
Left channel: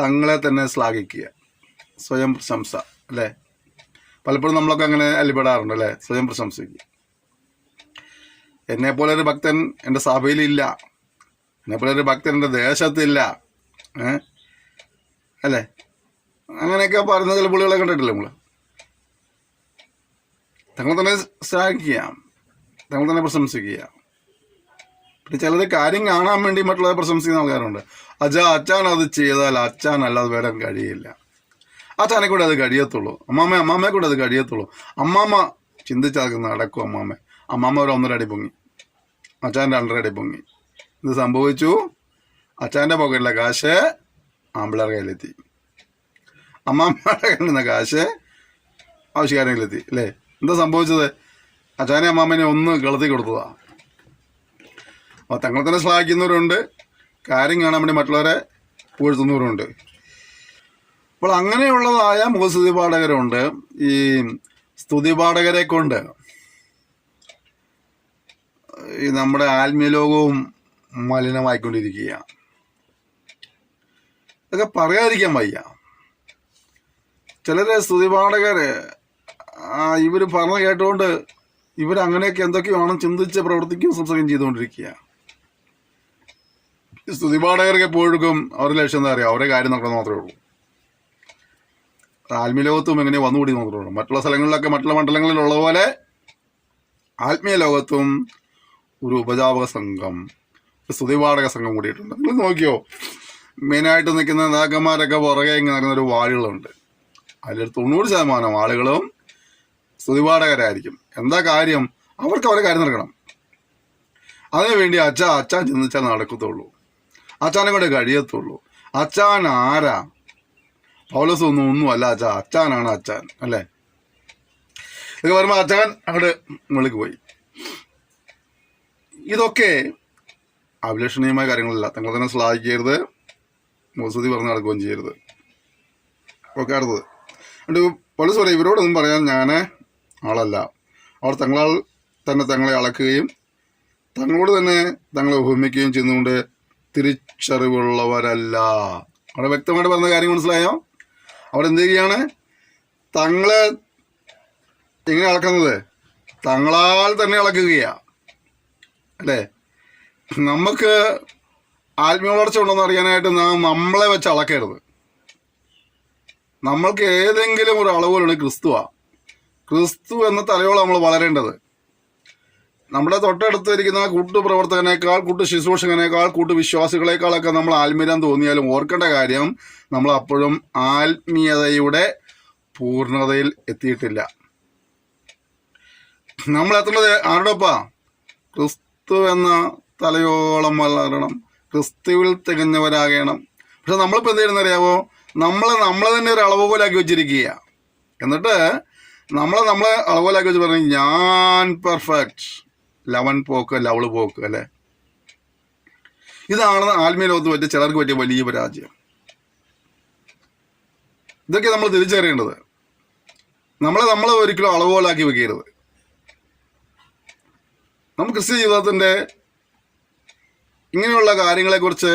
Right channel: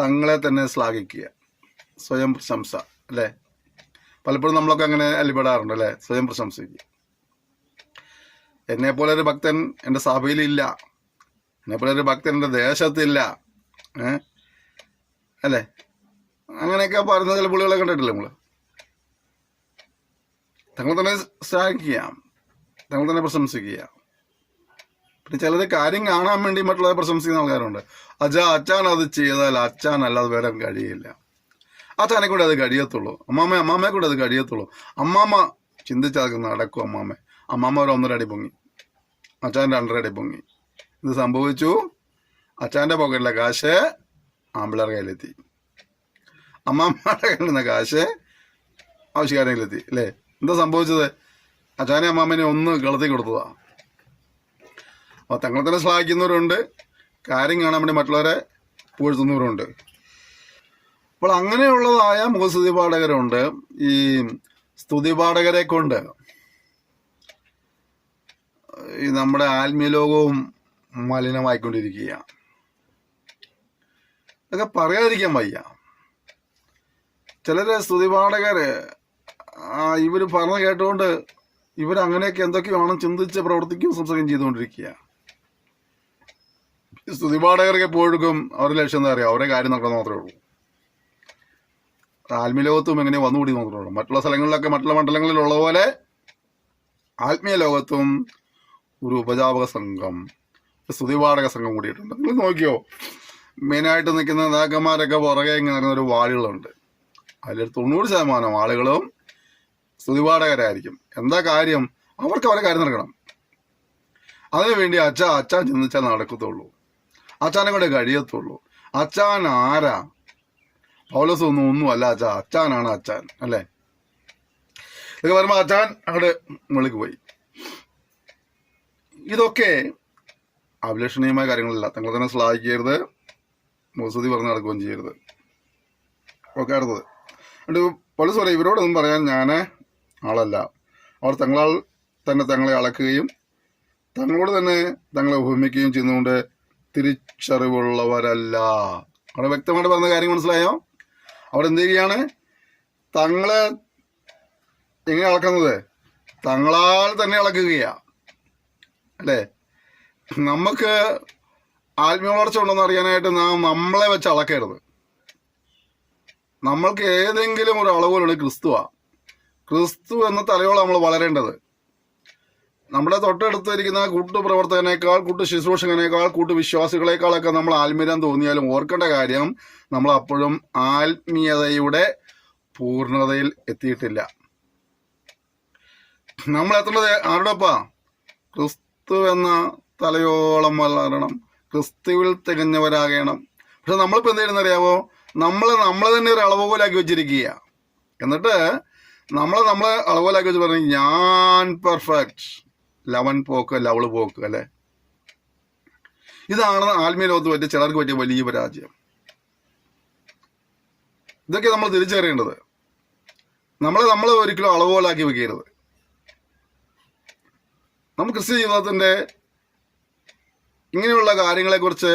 തങ്ങളെ തന്നെ ശ്ലാഘിക്കുക, സ്വയം പ്രശംസ അല്ലേ. പലപ്പോഴും നമ്മളൊക്കെ അങ്ങനെ അല്ലിപ്പെടാറുണ്ട് അല്ലെ, സ്വയം പ്രശംസിക്കുക. എന്നെപ്പോലെ ഒരു ഭക്തൻ എൻ്റെ സഭയിലില്ല, എന്നെപ്പോലെ ഒരു ഭക്തൻ എൻ്റെ ദേശത്തില്ല, അല്ലേ. അങ്ങനെയൊക്കെ പറയുന്ന ചില പുള്ളികളെ കണ്ടിട്ടില്ല നമ്മള്. തങ്ങൾ തന്നെ ശ്ലാഘിക്കുക, തങ്ങൾ തന്നെ പ്രശംസിക്കുക. പിന്നെ ചിലത് കാര്യം കാണാൻ വേണ്ടി മറ്റുള്ളവരെ പ്രശംസിക്കുന്ന ആൾക്കാരുണ്ട്. അച്ഛൻ അത് ചെയ്താൽ അച്ഛൻ അല്ലാതെ വേറെ കഴിയില്ല, അച്ഛനെ കൂടെ അത് കഴിയത്തുള്ളൂ, അമ്മാമ്മയെ കൂടെ അത് കഴിയത്തുള്ളൂ. അമ്മാമ്മ ചിന്തിച്ചത് നടക്കും. അമ്മാമ്മ ഒരു 1.5 അടി പൊങ്ങി, അച്ഛൻ്റെ 2.5 അടി പൊങ്ങി. ഇത് സംഭവിച്ചു, അച്ഛൻ്റെ പോക്കറ്റിലെ കാശ് ആമ്പിളാർ കയ്യിലെത്തി, അമ്മാമ്മയുടെ കയ്യിലിരുന്ന കാശ് ആവശ്യക്കാരുടെ കയ്യിലെത്തി അല്ലേ. എന്താ സംഭവിച്ചത്? അച്ഛനെ അമ്മാമ്മനെ ഒന്ന് കളത്തി കൊടുത്തതാ. തങ്ങൾ തന്നെ ശ്ലാഘിക്കുന്നവരുണ്ട്, കാര്യം കാണാൻ വേണ്ടി മറ്റുള്ളവരെ പുകഴ്ത്തുന്നവരുണ്ട്. അപ്പോൾ അങ്ങനെയുള്ളതായ മുഖസ്തുതി പാഠകരുണ്ട്. ഈ സ്തുതി പാഠകരെ കൊണ്ട് ഈ നമ്മുടെ ആത്മീയ ലോകവും മലിനമായിക്കൊണ്ടിരിക്കുകയാണ്. ഇതൊക്കെ പറയാതിരിക്കാൻ വയ്യ. ചിലരെ സ്തുതി പാഠകര് ഇവര് പറഞ്ഞ കേട്ടുകൊണ്ട് ഇവരങ്ങനെയൊക്കെ എന്തൊക്കെയാണ് ചിന്തിച്ച് പ്രവർത്തിക്കുകയും സംസാരിക്കുകയും ചെയ്തുകൊണ്ടിരിക്കുക. സ്തുതി പാഠകർക്ക് എപ്പോഴും അവരുടെ ലക്ഷ്യം എന്താ അറിയാം? അവരുടെ കാര്യം നടക്കുന്നത് മാത്രമേ ഉള്ളൂ. ആത്മീയ ലോകത്തും എങ്ങനെ വന്നുകൂടി മാത്രമേ ഉള്ളൂ. മറ്റുള്ള സ്ഥലങ്ങളിലൊക്കെ മറ്റുള്ള മണ്ഡലങ്ങളിലുള്ള പോലെ ആത്മീയ ലോകത്തും ഒരു ഉപജാപക സംഘം, സ്തുതിപാഠക സംഘം കൂടിയിട്ടുണ്ട്. നിങ്ങൾ നോക്കിയോ, മെയിനായിട്ട് നിൽക്കുന്ന നേതാക്കന്മാരൊക്കെ പുറകെ നടക്കുന്ന ഒരു വാളുകളുണ്ട്. അതിൽ 90% ആളുകളും സ്തുതിപാഠകരായിരിക്കും. എന്താ കാര്യം? അവർക്ക് അവരെ കാര്യം നടക്കണം. അതിനുവേണ്ടി അച്ഛൻ ചിന്തിച്ചാൽ നടക്കത്തുള്ളൂ. അച്ചാനെ കൊണ്ട് കഴിയത്തുള്ളൂ. അച്ചാൻ ആരാ? പൗലോസ് ഒന്നും അല്ല അച്ചാനാണ് അച്ചാൻ, അല്ലേ? ഇത് പറയുമ്പോൾ അച്ചാൻ അങ്ങോട്ട് മുകളിലേക്ക് പോയി. ഇതൊക്കെ അഭിലഷണീയമായ കാര്യങ്ങളല്ല. തങ്ങൾ തന്നെ ശ്ലാഘിക്കരുത്, മുസ്തുതി പറഞ്ഞ് നടക്കുകയും ചെയ്യരുത്. ഓക്കെ, അടുത്തത് പൗലോസ് പറയും, ഇവരോടൊന്നും പറയാൻ ഞാൻ ആളല്ല. അവർ തങ്ങളാൽ തന്നെ തങ്ങളെ അളക്കുകയും തങ്ങളോട് തന്നെ തങ്ങളെ ഉപമിക്കുകയും ചെയ്യുന്നതുകൊണ്ട് തിരിച്ചറിവുള്ളവരല്ല. അവിടെ വ്യക്തമായിട്ട് പറഞ്ഞ കാര്യം മനസ്സിലായോ? അവിടെ എന്ത് ചെയ്യുകയാണ്? തങ്ങളെ എങ്ങനെ അളക്കുന്നത്? തങ്ങളാൽ തന്നെ അളക്കുകയാ, അല്ലേ? നമുക്ക് ആത്മീയ വളർച്ച ഉണ്ടെന്ന് അറിയാനായിട്ട് നമ്മളെ വെച്ച് അളക്കരുത്. നമ്മൾക്ക് ഏതെങ്കിലും ഒരു അളവുകളുണ്ട്, ക്രിസ്തുവാ. ക്രിസ്തു എന്ന തലയോളം നമ്മൾ വളരേണ്ടത്. നമ്മുടെ തൊട്ടടുത്തിരിക്കുന്ന കൂട്ടുപ്രവർത്തകനേക്കാൾ, കൂട്ടു ശുശ്രൂഷകനേക്കാൾ, കൂട്ടുവിശ്വാസികളെക്കാളൊക്കെ നമ്മൾ ആത്മീയം തോന്നിയാലും ഓർക്കേണ്ട കാര്യം, നമ്മൾ അപ്പോഴും ആത്മീയതയുടെ പൂർണ്ണതയിൽ എത്തിയിട്ടില്ല. നമ്മൾ എത്തുന്നത് ആരോടൊപ്പാ? ക്രിസ്തു എന്ന തലയോളം വളരണം, ക്രിസ്തുവിൽ തികഞ്ഞവരാകണം. പക്ഷെ നമ്മളിപ്പോൾ എന്ത് ചെയ്യുന്നറിയാമോ? നമ്മളെ തന്നെ ഒരു അളവുപോലാക്കി വെച്ചിരിക്കുക. എന്നിട്ട് നമ്മളെ അളവുപോലാക്കി വെച്ച് പറഞ്ഞു, ഞാൻ പെർഫെക്റ്റ്, ലവൻ പോക്ക് ലവള് പോക്ക്, അല്ലേ? ഇതാണ് ആത്മീയ ലോകത്ത് പറ്റിയ ചിലർക്ക് പറ്റിയ വലിയ പരാജയം. ഇതൊക്കെ നമ്മൾ തിരിച്ചറിയേണ്ടത്. നമ്മളെ ഒരിക്കലും അളവുപോലാക്കി വെക്കരുത്. നമ്മൾ ക്രിസ്ത്യ ജീവിതത്തിന്റെ ഇങ്ങനെയുള്ള കാര്യങ്ങളെക്കുറിച്ച്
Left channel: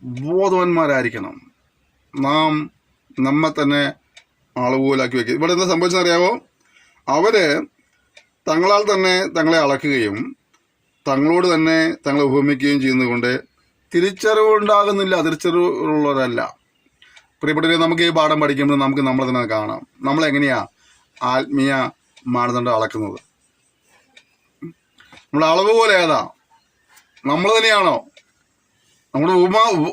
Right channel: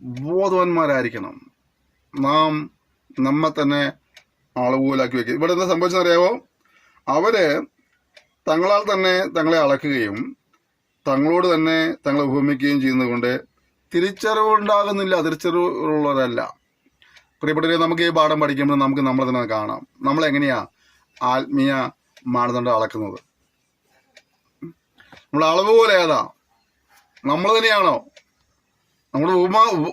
ബോധവാന്മാരായിരിക്കണം. നാം നമ്മെ തന്നെ അളവുപോലാക്കി വെക്കുക. ഇവിടെ എന്താ സംഭവിച്ചറിയാമോ? അവര് തങ്ങളാൽ തന്നെ തങ്ങളെ അളക്കുകയും തങ്ങളോട് തന്നെ തങ്ങളെ ഉപമിക്കുകയും ചെയ്യുന്നതുകൊണ്ട് തിരിച്ചറിവുണ്ടാകുന്നില്ല, തിരിച്ചറിവുള്ളവരല്ല. പ്രിയപ്പെട്ടവരെ, നമുക്ക് ഈ പാഠം പഠിക്കുമ്പോൾ നമുക്ക് നമ്മളെ തന്നെ കാണാം. നമ്മളെങ്ങനെയാ ആത്മീയ മാനദണ്ഡം അളക്കുന്നത്? നമ്മുടെ അളവ് പോലെ ഏതാ? നമ്മൾ തന്നെയാണോ? നമ്മുടെ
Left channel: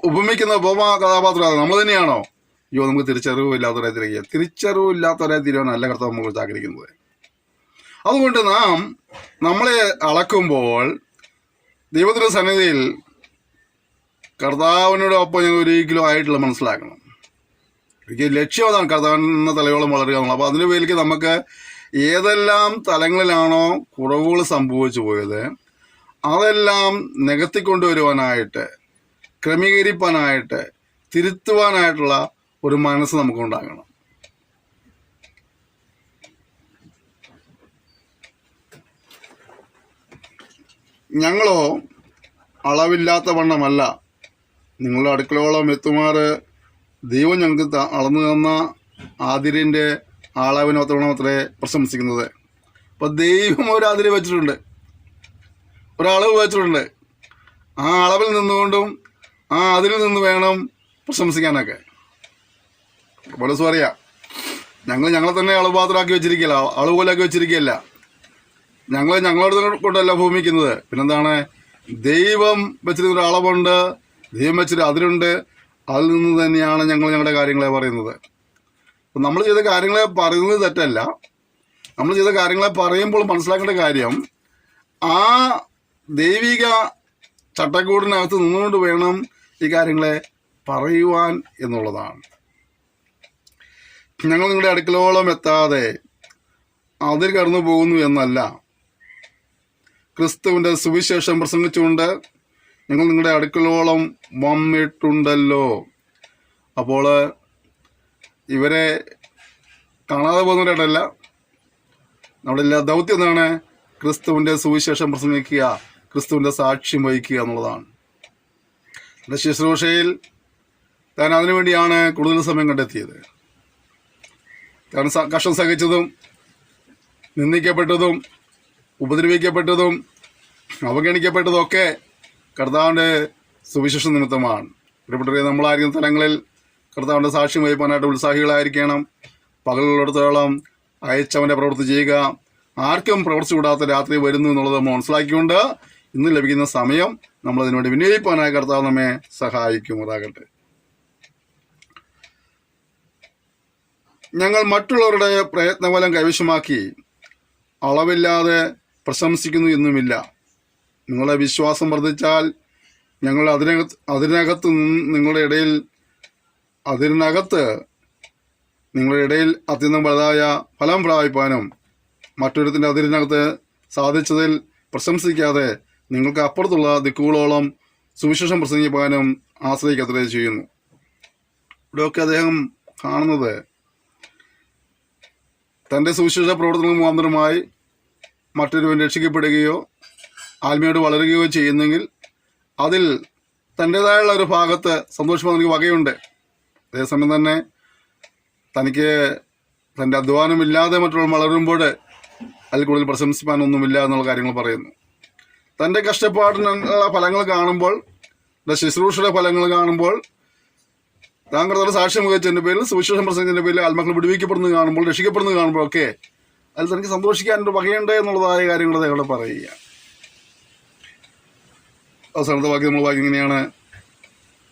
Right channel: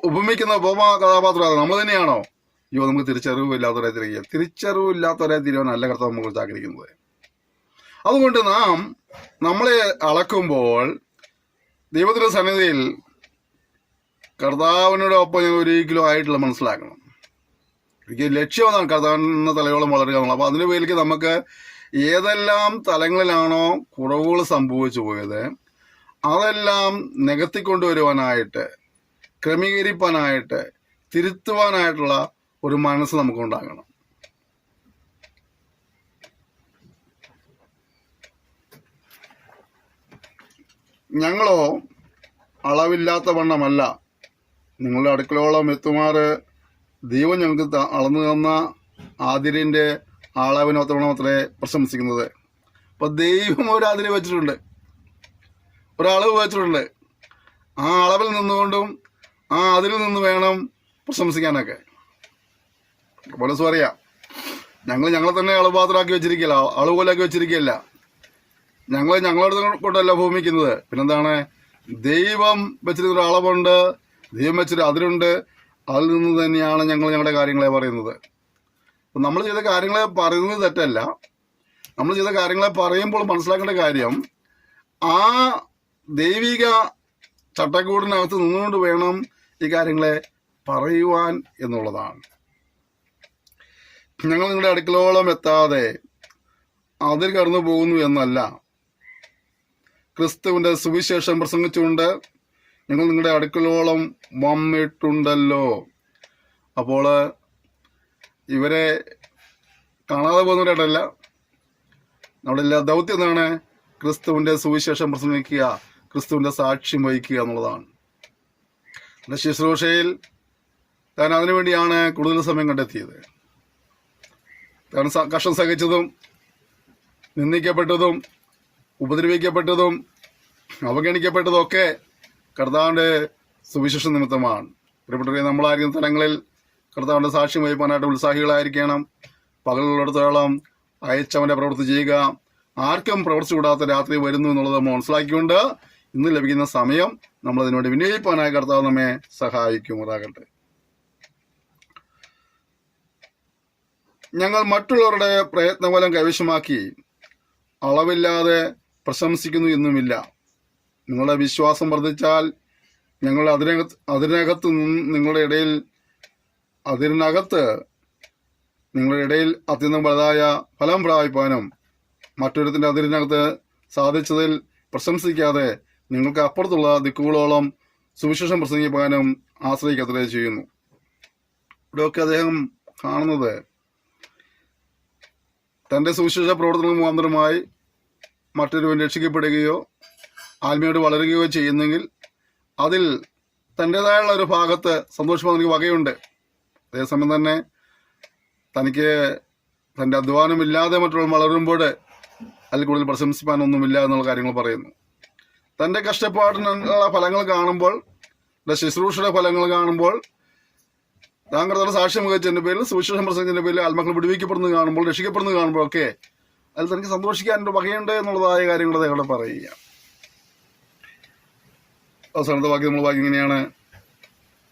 ഉപമിക്കുന്ന ഉപമ കഥാപാത്രം നമ്മൾ തന്നെയാണോ? അയ്യോ, നമുക്ക് തിരിച്ചറിവില്ലാത്തവരെ തിരികെ, തിരിച്ചറിവില്ലാത്തവരെ തിരുവാനല്ല കർത്താവ് നമ്മൾ ആഗ്രഹിക്കുന്നത്. അതുകൊണ്ട് നാം നമ്മളെ അളക്കുമ്പോൾ ദൈവത്തിന്റെ സന്നിധിയിൽ കർത്താവിനോടൊപ്പം ഞാൻ ഒരിക്കലും ആയിട്ടുള്ള മനസ്സിലാക്കണം. എനിക്ക് ലക്ഷ്യം അതാണ്, കർത്താവിന്റെ തലയോളം വളരുക എന്നുള്ളത്. അപ്പൊ അതിന്റെ പേരിലേക്ക് നമുക്ക് ഏതെല്ലാം തലങ്ങളിലാണോ കുറവുകൾ സംഭവിച്ചു പോയത് അതെല്ലാം നികത്തിക്കൊണ്ടുവരുവാനായിട്ട്, ക്രമീകരിപ്പാനായിട്ട്, തിരുത്തുവാനായിട്ടുള്ള ഒരു മനസ്സ് നമുക്കുണ്ടാകണം. ഞങ്ങളോ അളവില്ലാത്ത വണ്ണമല്ല നിങ്ങളുടെ അടുക്കളയോളം എത്തുമാറ് ദൈവം ഞങ്ങൾക്ക് അളന്നു തന്ന ആതിരിന്റെ അളവിനൊത്തവണ്ണം അത്രേ പ്രശംസിക്കുന്നത്. അപ്പൊ ദൈവം ഒരു അതിര് വെച്ചിട്ടുണ്ട്, ഒരളവ് വെച്ചിട്ടുണ്ട്. ആ അളവിൽ നിന്നുകൊണ്ടും ആ അതിൽ നിന്ന് വേണം പ്രശംസിക്കാനൊക്കെ. പൗലോസ് പറയാ, ഞങ്ങളെ തന്നെ അളവുപാത്രമാക്കി വെച്ചിരിക്കുകയല്ല, അളവ് പോലാക്കി വെച്ചിരിക്കുകയല്ല. ഞങ്ങളോട് കൊണ്ടല്ല ഭൂമിക്കുന്നത്. പിന്നെന്താണ്? ദൈവം വെച്ചിരുന്നൊരു അളവുണ്ട്, ദൈവം വെച്ചൊരു അതിരുണ്ട്. അതിൽ നിന്ന് തന്നെയാണ് ഞങ്ങളുടെ കാര്യങ്ങളെ പറയുന്നത്. അപ്പം നമ്മൾ ചെയ്ത കാര്യങ്ങളെ പറയുന്നത് തെറ്റല്ല. നമ്മൾ ചെയ്ത കാര്യങ്ങളെ പറയുമ്പോൾ മനസ്സിലാക്കേണ്ട കാര്യം, ആ ദൈവിക ചട്ടക്കൂടിനകത്ത് നിന്നുകൊണ്ട് വേണം ഈ കാര്യങ്ങളെ പറയുവാൻ എന്നുള്ളതാണ്. ഞങ്ങൾ നിങ്ങളുടെ അടുക്കളോളം എത്താതെ അതിൽ കടന്നു പോകുന്നു എന്നല്ല, ക്രിസ്തുവിന്റെ സുവിശേഷം പ്രസംഗിച്ചുകൊണ്ട് ഞങ്ങൾ നിങ്ങളുടെ അടുക്കളോളം വന്നിട്ടുണ്ടല്ലോ. അപ്പോൾ ഇവരെ കാണാതെ പോകുന്നവരായിട്ടല്ല, നമ്മുടെ എല്ലാ ദൗത്യം എന്താണ്? ക്രിസ്തുവിന്റെ സുവിശേഷം പ്രസംഗിക്കുക, ക്രിസ്തുവിന്റെ സാക്ഷ്യം വഹിക്കുക എന്നുള്ളതാണ്. ശുശ്രൂഷയിൽ താൻ അതിനുവേണ്ടിയാണ് കൂടുതൽ സമയം കണ്ടെത്തിയത്. താൻ കഷ്ടം സഹിച്ചതും നിന്ദിക്കപ്പെട്ടതും ഉപദ്രവിക്കപ്പെട്ടതും അവഗണിക്കപ്പെട്ടതും ഒക്കെ കർത്താവിന്റെ സുവിശേഷ നിമിത്തമാണ്. പ്രിയപ്പെട്ടവരെ, നമ്മളായിരിക്കുന്ന തലങ്ങളിൽ കർത്താവിന്റെ സാക്ഷ്യം വഹിക്കാനായിട്ട് ഉത്സാഹികളായിരിക്കണം. പകലുള്ളിടത്തോളം അയച്ചവന്റെ പ്രവൃത്തി ചെയ്യുക. ആർക്കും പ്രവർത്തിച്ചു കൂടാത്ത രാത്രി വരുന്നു എന്നുള്ളത് നമ്മൾ മനസ്സിലാക്കിക്കൊണ്ട് ഇന്ന് ലഭിക്കുന്ന സമയം നമ്മൾ അതിനുവേണ്ടി വിനിയോഗിക്കാനായ കർത്താവ് നമ്മെ സഹായിക്കുമാറാകട്ടെ. ഞങ്ങൾ മറ്റുള്ളവരുടെ പ്രയത്നഫലം കൈവശമാക്കി അളവില്ലാതെ പ്രശംസിക്കുന്നു എന്നുമില്ല. നിങ്ങളുടെ വിശ്വാസം വർദ്ധിച്ചാൽ ഞങ്ങൾ അതിനകത്ത് നിങ്ങളുടെ ഇടയിൽ അത്യന്തം വലുതായ ഫലം പ്രാപിപ്പാനും മറ്റൊരുത്തിന്റെ അതിരിനകത്ത് സാധിച്ചതിൽ പ്രശംസിക്കാതെ നിങ്ങൾക്ക് അപ്പുറത്തുള്ള ദിക്കുകളോളം സുവിശേഷം പ്രസംഗിപ്പാനും ആശ്രയിക്കത്രേ ചെയ്യുന്നു. ഇവിടെയൊക്കെ അദ്ദേഹം കാണുന്നത് തന്റെ സുവിശേഷ പ്രവർത്തനം മുഖാന്തരമായി മറ്റൊരുവൻ രക്ഷിക്കപ്പെടുകയോ ആത്മീയോട് വളരുകയോ ചെയ്യുന്നെങ്കിൽ അതിൽ തൻ്റെതായുള്ള ഒരു ഭാഗത്ത് സന്തോഷമായി തനിക്ക് വകയുണ്ട്. അതേസമയം തന്നെ തനിക്ക് തൻ്റെ അധ്വാനമില്ലാതെ മറ്റുള്ള വളരുമ്പോൾ അതിൽ കൂടുതൽ പ്രശംസിപ്പാനൊന്നുമില്ല എന്നുള്ള കാര്യങ്ങൾ പറയുന്നു. തൻ്റെ കഷ്ടപ്പാടിനുള്ള ഫലങ്ങൾ കാണുമ്പോൾ, ശുശ്രൂഷയുടെ ഫലങ്ങൾ കാണുമ്പോൾ, താങ്കളുടെ സാക്ഷ്യം വഹിച്ചതിന്റെ പേരിൽ, സുവിശേഷം പ്രസംഗത്തിന്റെ പേരിൽ ആത്മാക്കൾ വിടുവിക്കപ്പെടുന്നത് കാണുമ്പോൾ, രക്ഷിക്കപ്പെടുന്നത് കാണുമ്പോഴൊക്കെ അതിൽ തനിക്ക് സന്തോഷിക്കാനൊരു വകയുണ്ട് എന്നുള്ളതായ കാര്യങ്ങൾ അദ്ദേഹം പറയുക. അവസാനത്തെ വാക്യം നമ്മൾ വായിക്കുന്നത് ഇങ്ങനെയാണ്:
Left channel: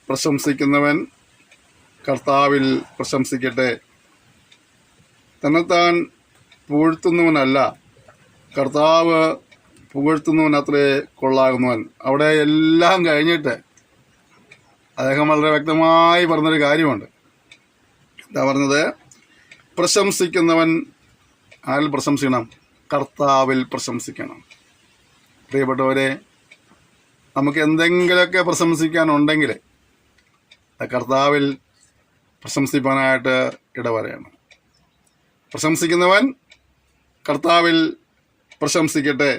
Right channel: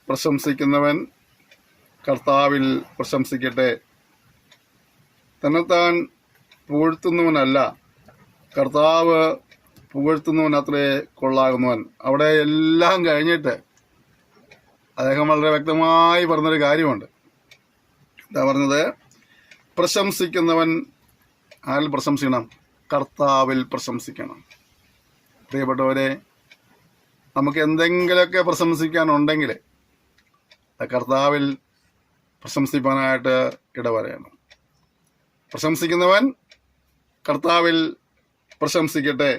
പ്രശംസിക്കുന്നവൻ കർത്താവിൽ പ്രശംസിക്കട്ടെ. തന്നെത്താൻ പുകഴ്ത്തുന്നവനല്ല, കർത്താവ് പുകഴ്ത്തുന്നവൻ അത്രേ കൊള്ളാകുന്നവൻ. അവിടെ എല്ലാം കഴിഞ്ഞിട്ട് അദ്ദേഹം വളരെ വ്യക്തമായി പറഞ്ഞൊരു കാര്യമുണ്ട്. എന്താ പറഞ്ഞത്? പ്രശംസിക്കുന്നവൻ ആരിൽ പ്രശംസിക്കണം? കർത്താവിൽ പ്രശംസിക്കണം. പ്രിയപ്പെട്ടവരെ, നമുക്ക് എന്തെങ്കിലുമൊക്കെ പ്രശംസിക്കാനുണ്ടെങ്കിൽ കർത്താവിൽ പ്രശംസിപ്പാനായിട്ട് ഇടവരയണം. പ്രശംസിക്കുന്നവൻ കർത്താവിൽ പ്രശംസിക്കട്ടെ.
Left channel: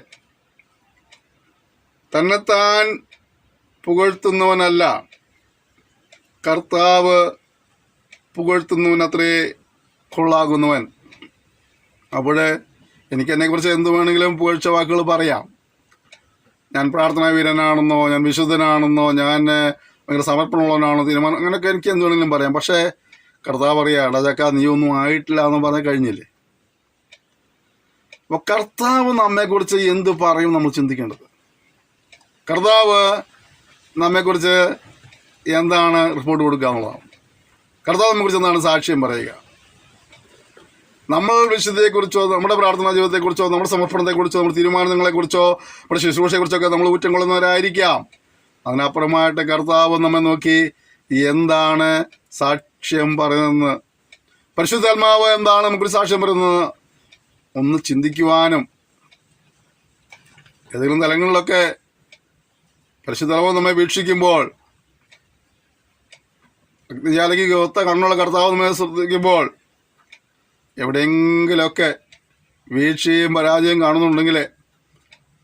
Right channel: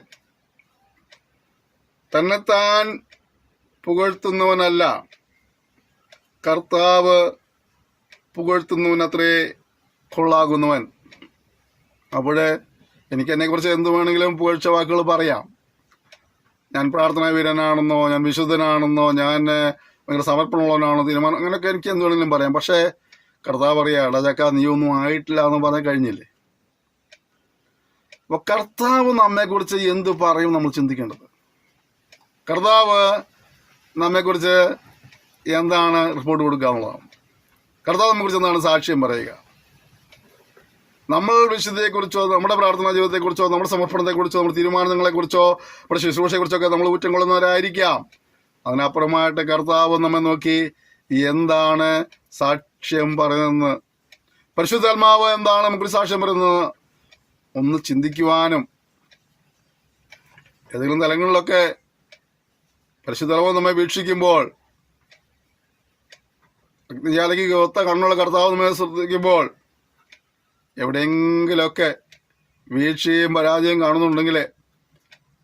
തന്നെത്താൻ പുകഴ്ത്തുന്നവനല്ല, കർത്താവ് പുകഴ്ത്തുന്നവനത്രേ കൊള്ളാകുന്നവൻ. അവിടെ എനിക്ക് എന്നെക്കുറിച്ച് എന്ത് വേണമെങ്കിലും പുകഴ്ച വാക്കുകൾ പറയാം. ഞാൻ പ്രാർത്ഥനാ വീരനാണെന്നോ, ഞാൻ വിശുദ്ധനാണെന്നോ, ഞാൻ ഭയങ്കര സമർപ്പണമുള്ളവനാണോ, തീരുമാനം, അങ്ങനെയൊക്കെ എനിക്ക് എന്ത് വേണമെങ്കിലും പറയാം. പക്ഷേ കർത്താവ് പറയാ, എടാ നീ ഒന്നും ആയിട്ടില്ല എന്ന് പറഞ്ഞാൽ കഴിഞ്ഞില്ലേ? അപ്പൊ കർത്താവ് നമ്മെക്കുറിച്ച് എന്ത് പറയും നമ്മൾ ചിന്തിക്കേണ്ടത്. കർത്താവ് നമ്മെക്കുറിച്ച് എന്താണ് റിപ്പോർട്ട് കൊടുക്കാനുള്ളതാണ്? കർത്താവ് നമ്മെക്കുറിച്ച് എന്താണ് സാക്ഷ്യം പറയുക? നമ്മൾ വിശുദ്ധിയെക്കുറിച്ചോ, നമ്മുടെ പ്രാർത്ഥനാ ജീവിതത്തെക്കുറിച്ചോ, നമ്മുടെ സമർപ്പണത്തെക്കുറിച്ചോ, നമ്മുടെ തീരുമാനങ്ങളെക്കുറിച്ചോ, നമ്മുടെ ശുശ്രൂഷയെക്കുറിച്ചൊക്കെ നമ്മൾ ഊറ്റം കൊള്ളുന്നവരായിരിക്കാം. അതിനപ്പുറമായിട്ട് കർത്താവ് നമ്മെ നോക്കി എന്താണ് സാക്ഷ്യം പറയുന്നത്, പരിശുദ്ധാത്മാവ് എന്താണ് നമുക്കൊരു സാക്ഷ്യം പറയുന്നത് ഒന്ന് ചിന്തിക്കുവാനും, ഏതെങ്കിലും തലങ്ങളിലൊക്കെ പരിശുദ്ധാത്മാവ് നമ്മെ വീക്ഷിക്കുമ്പോൾ, അഗ്നിജാലിക്ക് ഒത്ത കണ്ണുള്ള കർത്താവ് നമ്മെ ശ്രദ്ധിക്കുമ്പോൾ എവിടെയെങ്കിലുമൊക്കെ വീഴ്ചയും പരാജയം കാണുന്നുണ്ടെങ്കിൽ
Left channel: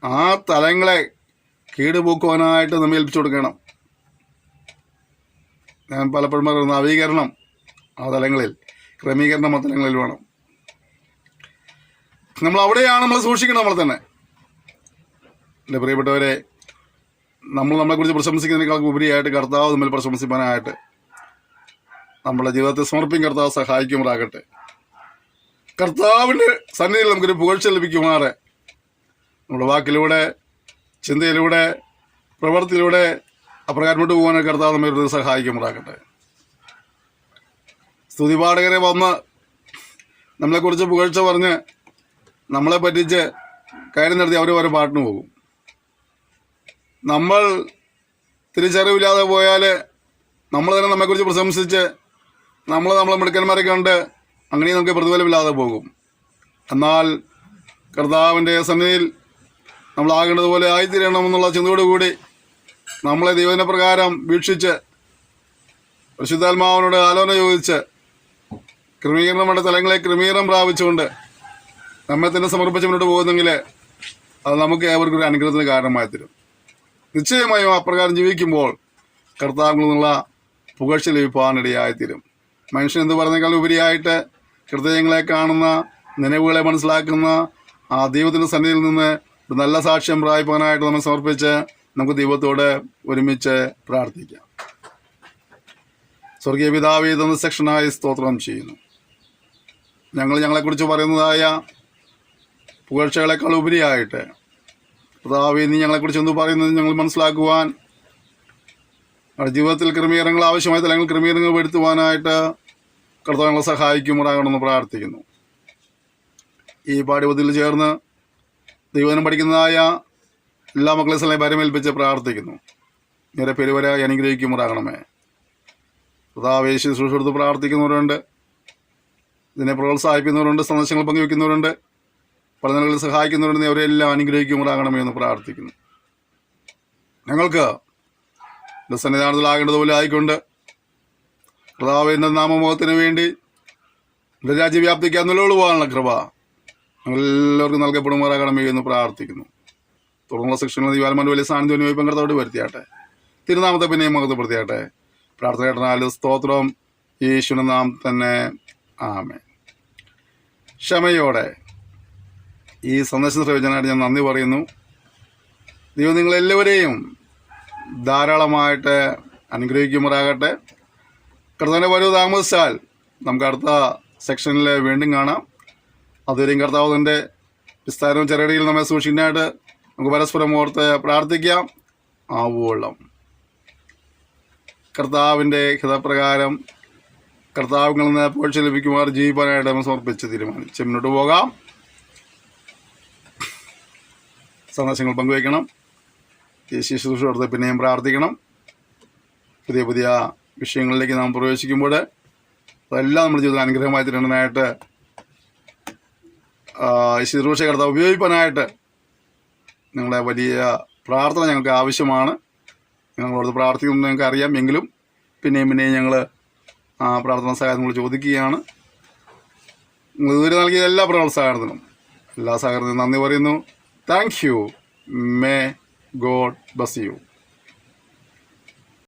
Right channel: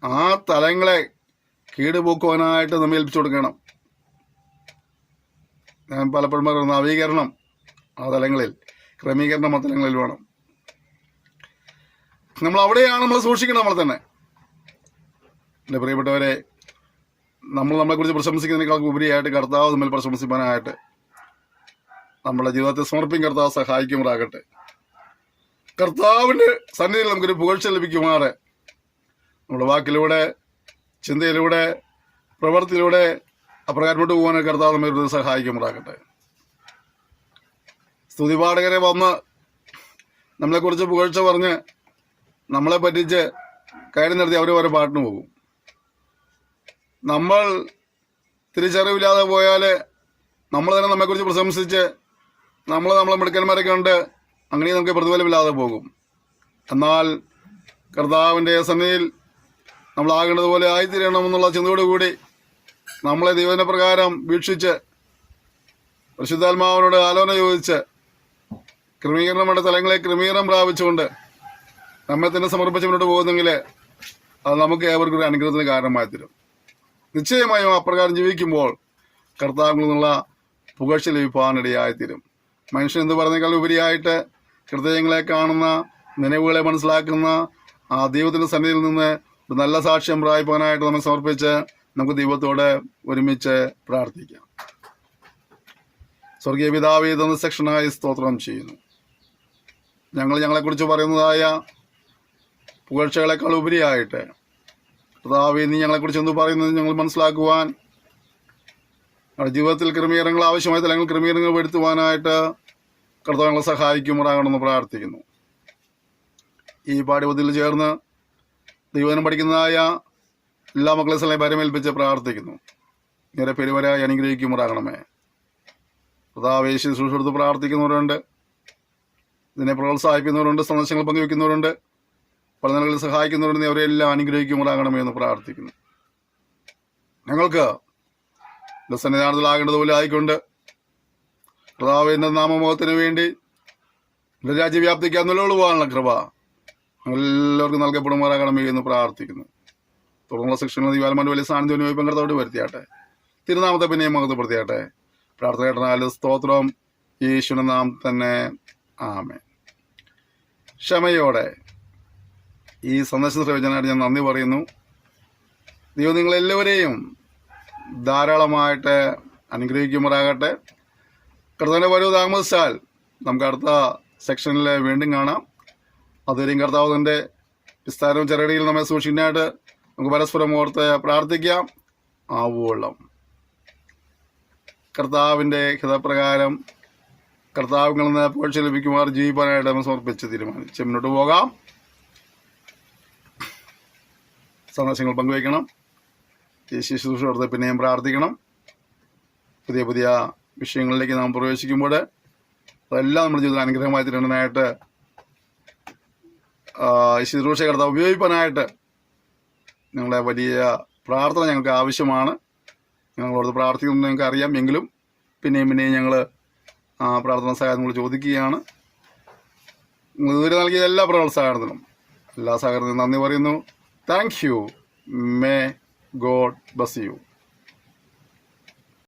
ആ തലങ്ങളെ കീടുപോക്കുവാനായിട്ട് നമ്മെ ഏൽപ്പിച്ചു കൊടുക്കണം. ഞാൻ പലപ്പോഴും പറയുന്ന നവീകരണം ആ തലങ്ങളിൽ, ക്രമീകരണം ആ തലങ്ങളിൽ വേണം. നമ്മൾ അവിടെയാണ് നമ്മൾ സൂക്ഷിക്കണം. നമ്മൾ തന്നെ, എൻ്റെ പ്രിയപ്പെട്ടവരെ, നമ്മളെക്കുറിച്ച് പ്രശംസിക്കുന്നതിനേക്കാൾ ഉപരിയായിട്ട് കർത്താവ് നമ്മൾ പ്രശംസിക്കാനായിട്ട് നമ്മുടെ ജീവിതത്തെ സമർപ്പിക്കും. കർത്താവ് സഹായിക്കുമാറാകട്ടെ. കർത്താവിൻ്റെ സന്നിധിയിൽ നമുക്കൊരു പുകഴ്ച ലഭിക്കുമാറ് നമ്മുടെ വാക്കിലൂടെ, ചിന്തയിലൂടെ, പ്രവൃത്തിയിലൂടെ അപ്രകാരമുട്ട് പോകാൻ കർത്താവ് നമ്മെ സഹായിക്കുമാറാകട്ടെ. സ്തുതിപാഠകരെ വന്ന് നമ്മളെക്കുറിച്ച് പുകഴ്ച പറഞ്ഞ് നമ്മളെ പറ്റിച്ച് കാര്യം നടത്തി അവർ ഓരോ പാട്ടിന് പോകും. നമ്മൾ തിരിച്ചറിവില്ലാതെ പോയാൽ നമ്മൾ തന്നെ നമ്മെക്കുറിച്ച് പ്രശംസിച്ച് നമ്മളെ മിടുക്കന്മാരെ കണ്ട് അങ്ങനെ നമുക്ക് പ്രതിഫലമില്ലാതെ പോകും. എന്നാൽ കർത്താവിൻ്റെ സന്നിധിയിൽ നമ്മളാകേണ്ടതുപോലെ ആയിത്തീരണമെന്നുള്ള ചിന്തയോടുകൂടി നമ്മളെ ദൈവത്തിന്റെ പ്രകാരം വീക്ഷിച്ച് പരിശുദ്ധാത്മാവിനോട് ആലോചന ചോദിച്ച് ക്രമീകരണങ്ങളുടെ തലങ്ങളെ ക്രമീകരണം പ്രാപിച്ചുകൊണ്ട് നമ്മെ തന്നെ സമർപ്പിച്ച് മുന്നോട്ട് പോകുന്നെങ്കിൽ അത് നമുക്ക് ഏവർക്കും ഒരു അനുഗ്രഹത്തിന് കാരണമായി തരും. നിശ്ചയമായും അപ്രകാരം ജീവിക്കുമ്പോൾ കർത്താവിൽ നിന്നുള്ള പുകഴ്ച ലഭിക്കാനിടയായിത്തീരും. മനുഷ്യൻ എന്ത് പറഞ്ഞേക്കാൾ ഉപരിയായിട്ട് ഹൃദയങ്ങളെ കാണുന്ന, നനവുകളെ മനസ്സിലാക്കുന്ന ആ ദൈവത്തിന്റെ സന്നിധിയിൽ നിന്ന് ഒരു നല്ല സാക്ഷ്യം പ്രാപിക്കാനായിട്ട് നമ്മെ സമർപ്പിച്ച് നമുക്ക് ദൈവത്തോട് ഒരുമിച്ച് പ്രാർത്ഥിക്കാം. സ്വർഗീയ പിതാവേ, തന്ന സെക്ഷനായി സ്തോത്രം ചെയ്യുന്നു. ഞങ്ങളെക്കുറിച്ച് പറയുന്നതായ പുകഴ്ചകളെക്കാൾ ഉപരിയായിട്ട് കർത്താവേ, നീ ഞങ്ങളെക്കുറിച്ച് എന്ത് പറയുന്നത് ഞങ്ങൾ മനസ്സിലാക്കുവാൻ, നമ്മുടെ ജീവിതത്തിൽ ക്രമീകരണങ്ങൾ ആവശ്യമായ തലങ്ങൾ ക്രമീകരണങ്ങൾ വരുത്തുവാനായിട്ട് കർത്താവ് ഞങ്ങളെ സഹായിക്കുമാറാകണമെന്ന് പ്രാർത്ഥിക്കുന്നു. ഈ പാഠ്യപദ്ധതിയിൽ ചേർന്ന് ദൈവം പഠിക്കുന്നതായ എല്ലാ മക്കളെ സ്ഥലം പരമേൽപ്പിച്ച് പ്രാർത്ഥിക്കുന്നു. നേരെ പെരുവരായി അനുഗ്രഹിക്കുമാറാകണമേ. കർത്താവേ, ശുശ്രൂഷ എടുത്ത് പ്രാർത്ഥിക്കുന്നവരുണ്ട്, ഇതിനെ പ്രോത്സാഹിപ്പിക്കുന്നവരുണ്ട്, സന്ദേശങ്ങൾ പങ്കുവെക്കുന്നവരുണ്ട്, പല നിലകളിൽ സഹായിക്കുന്നവരുണ്ട്. അവരെല്ലാം അനുഗ്രഹിക്കുമാറാകണമേ എന്ന് പ്രാർത്ഥിക്കുന്നു. ഞങ്ങൾക്ക് സന്നിധാനത്തിലാകേണ്ടതുപോലെ ആയിക്കൊണ്ട് കർത്താവേ, എന്ന നാമമുഖത്തിന് വേണ്ടി രാജ്യവ്യാപ്തിക്കാൻ നിലകൊള്ളുവാനുള്ള കൃപ എല്ലാവർക്കും നൽകപ്പെടുമാറാകണമേ എന്ന് പ്രാർത്ഥിക്കുന്നു. തുടർന്നുള്ള സെക്ഷനിൽ ദിവാൽമാൻ്റെ വലിയ സാന്നിധ്യം പങ്കെടുത്തോട് വരുത്തിയാട്ടെ. തിരുനാമത്തെ പിന്നെയും മഹത്വപ്പെടുത്തിയാട്ടെ. പ്രാർത്ഥന കേട്ടനാല് സ്തോത്രം യേശുവിന്റെ നാം തന്നെ. ആമേൻ. ക്ഷമയോടെ ഈ സന്ദേശം ശ്രവിച്ചതിനായിട്ട് ഞാൻ നന്ദി പറയുന്നു. ദൈവം നിങ്ങളെല്ലാവരെയും ധാരാളമായിട്ട് അനുഗ്രഹിക്കുമാറാകട്ടെ. കർത്താവിനെ വരവ് താമസിച്ചാൽ നമുക്ക് അടുത്ത സെക്ഷനിൽ വീണ്ടും കാണാം. അതുവരെയും കർത്താവിൻ്റെ വിസ്താരവും ചെറുകടിയിൽ നമ്മെ സൂക്ഷിക്കാനായിട്ട് നമുക്ക് പരസ്പരം ഓർത്ത് പ്രാർത്ഥിക്കാം. ആവോളം കർത്താവിൻ്റെ ഹിതപ്രകാരം കർത്താവുകളിൽ നിന്ന് പോഴ്ച ലഭിക്കുമാർ ജീവിക്കാനായിട്ട് നമ്മൾ സമർപ്പിച്ച് തീരുമാനിച്ച് മുന്നോട്ട് പോകാം. സന്ദേശങ്ങൾ പങ്കുവയ്ക്കണം. ഈ ശുശ്രൂഷ കൊടുത്ത് പിന്നെയും പ്രാർത്ഥിക്കണം. പുതിയ പുതിയ വിഷയങ്ങളിലേക്ക് നാം പ്രവേശിക്കുമ്പോൾ അതെല്ലാം നമ്മുടെ ജീവിതം അനുഗ്രഹമായി തീരുന്നതിനായിട്ട് ഈ ശുശ്രൂഷ കർത്താവ് ഉപയോഗിക്കാനായിട്ട് നിങ്ങളെ വലിയ പ്രാർത്ഥന ഞങ്ങൾക്ക് ആവശ്യമാണ്. ഞങ്ങളോട് പ്രാർത്ഥിക്കുന്നത് ഞങ്ങൾക്ക് അറിയാം. എങ്കിലും പിന്നെയും ഞങ്ങൾ പ്രാർത്ഥന സഹായം നിങ്ങൾ ചോദിക്കുകയാണ്. നിങ്ങൾ ഇതുവരെ നൽകിയ എല്ലാ പ്രോത്സാഹനത്തിനും എല്ലാ സഹകരണത്തിനും നന്ദി പറയുന്നു. Thank you. May God bless you.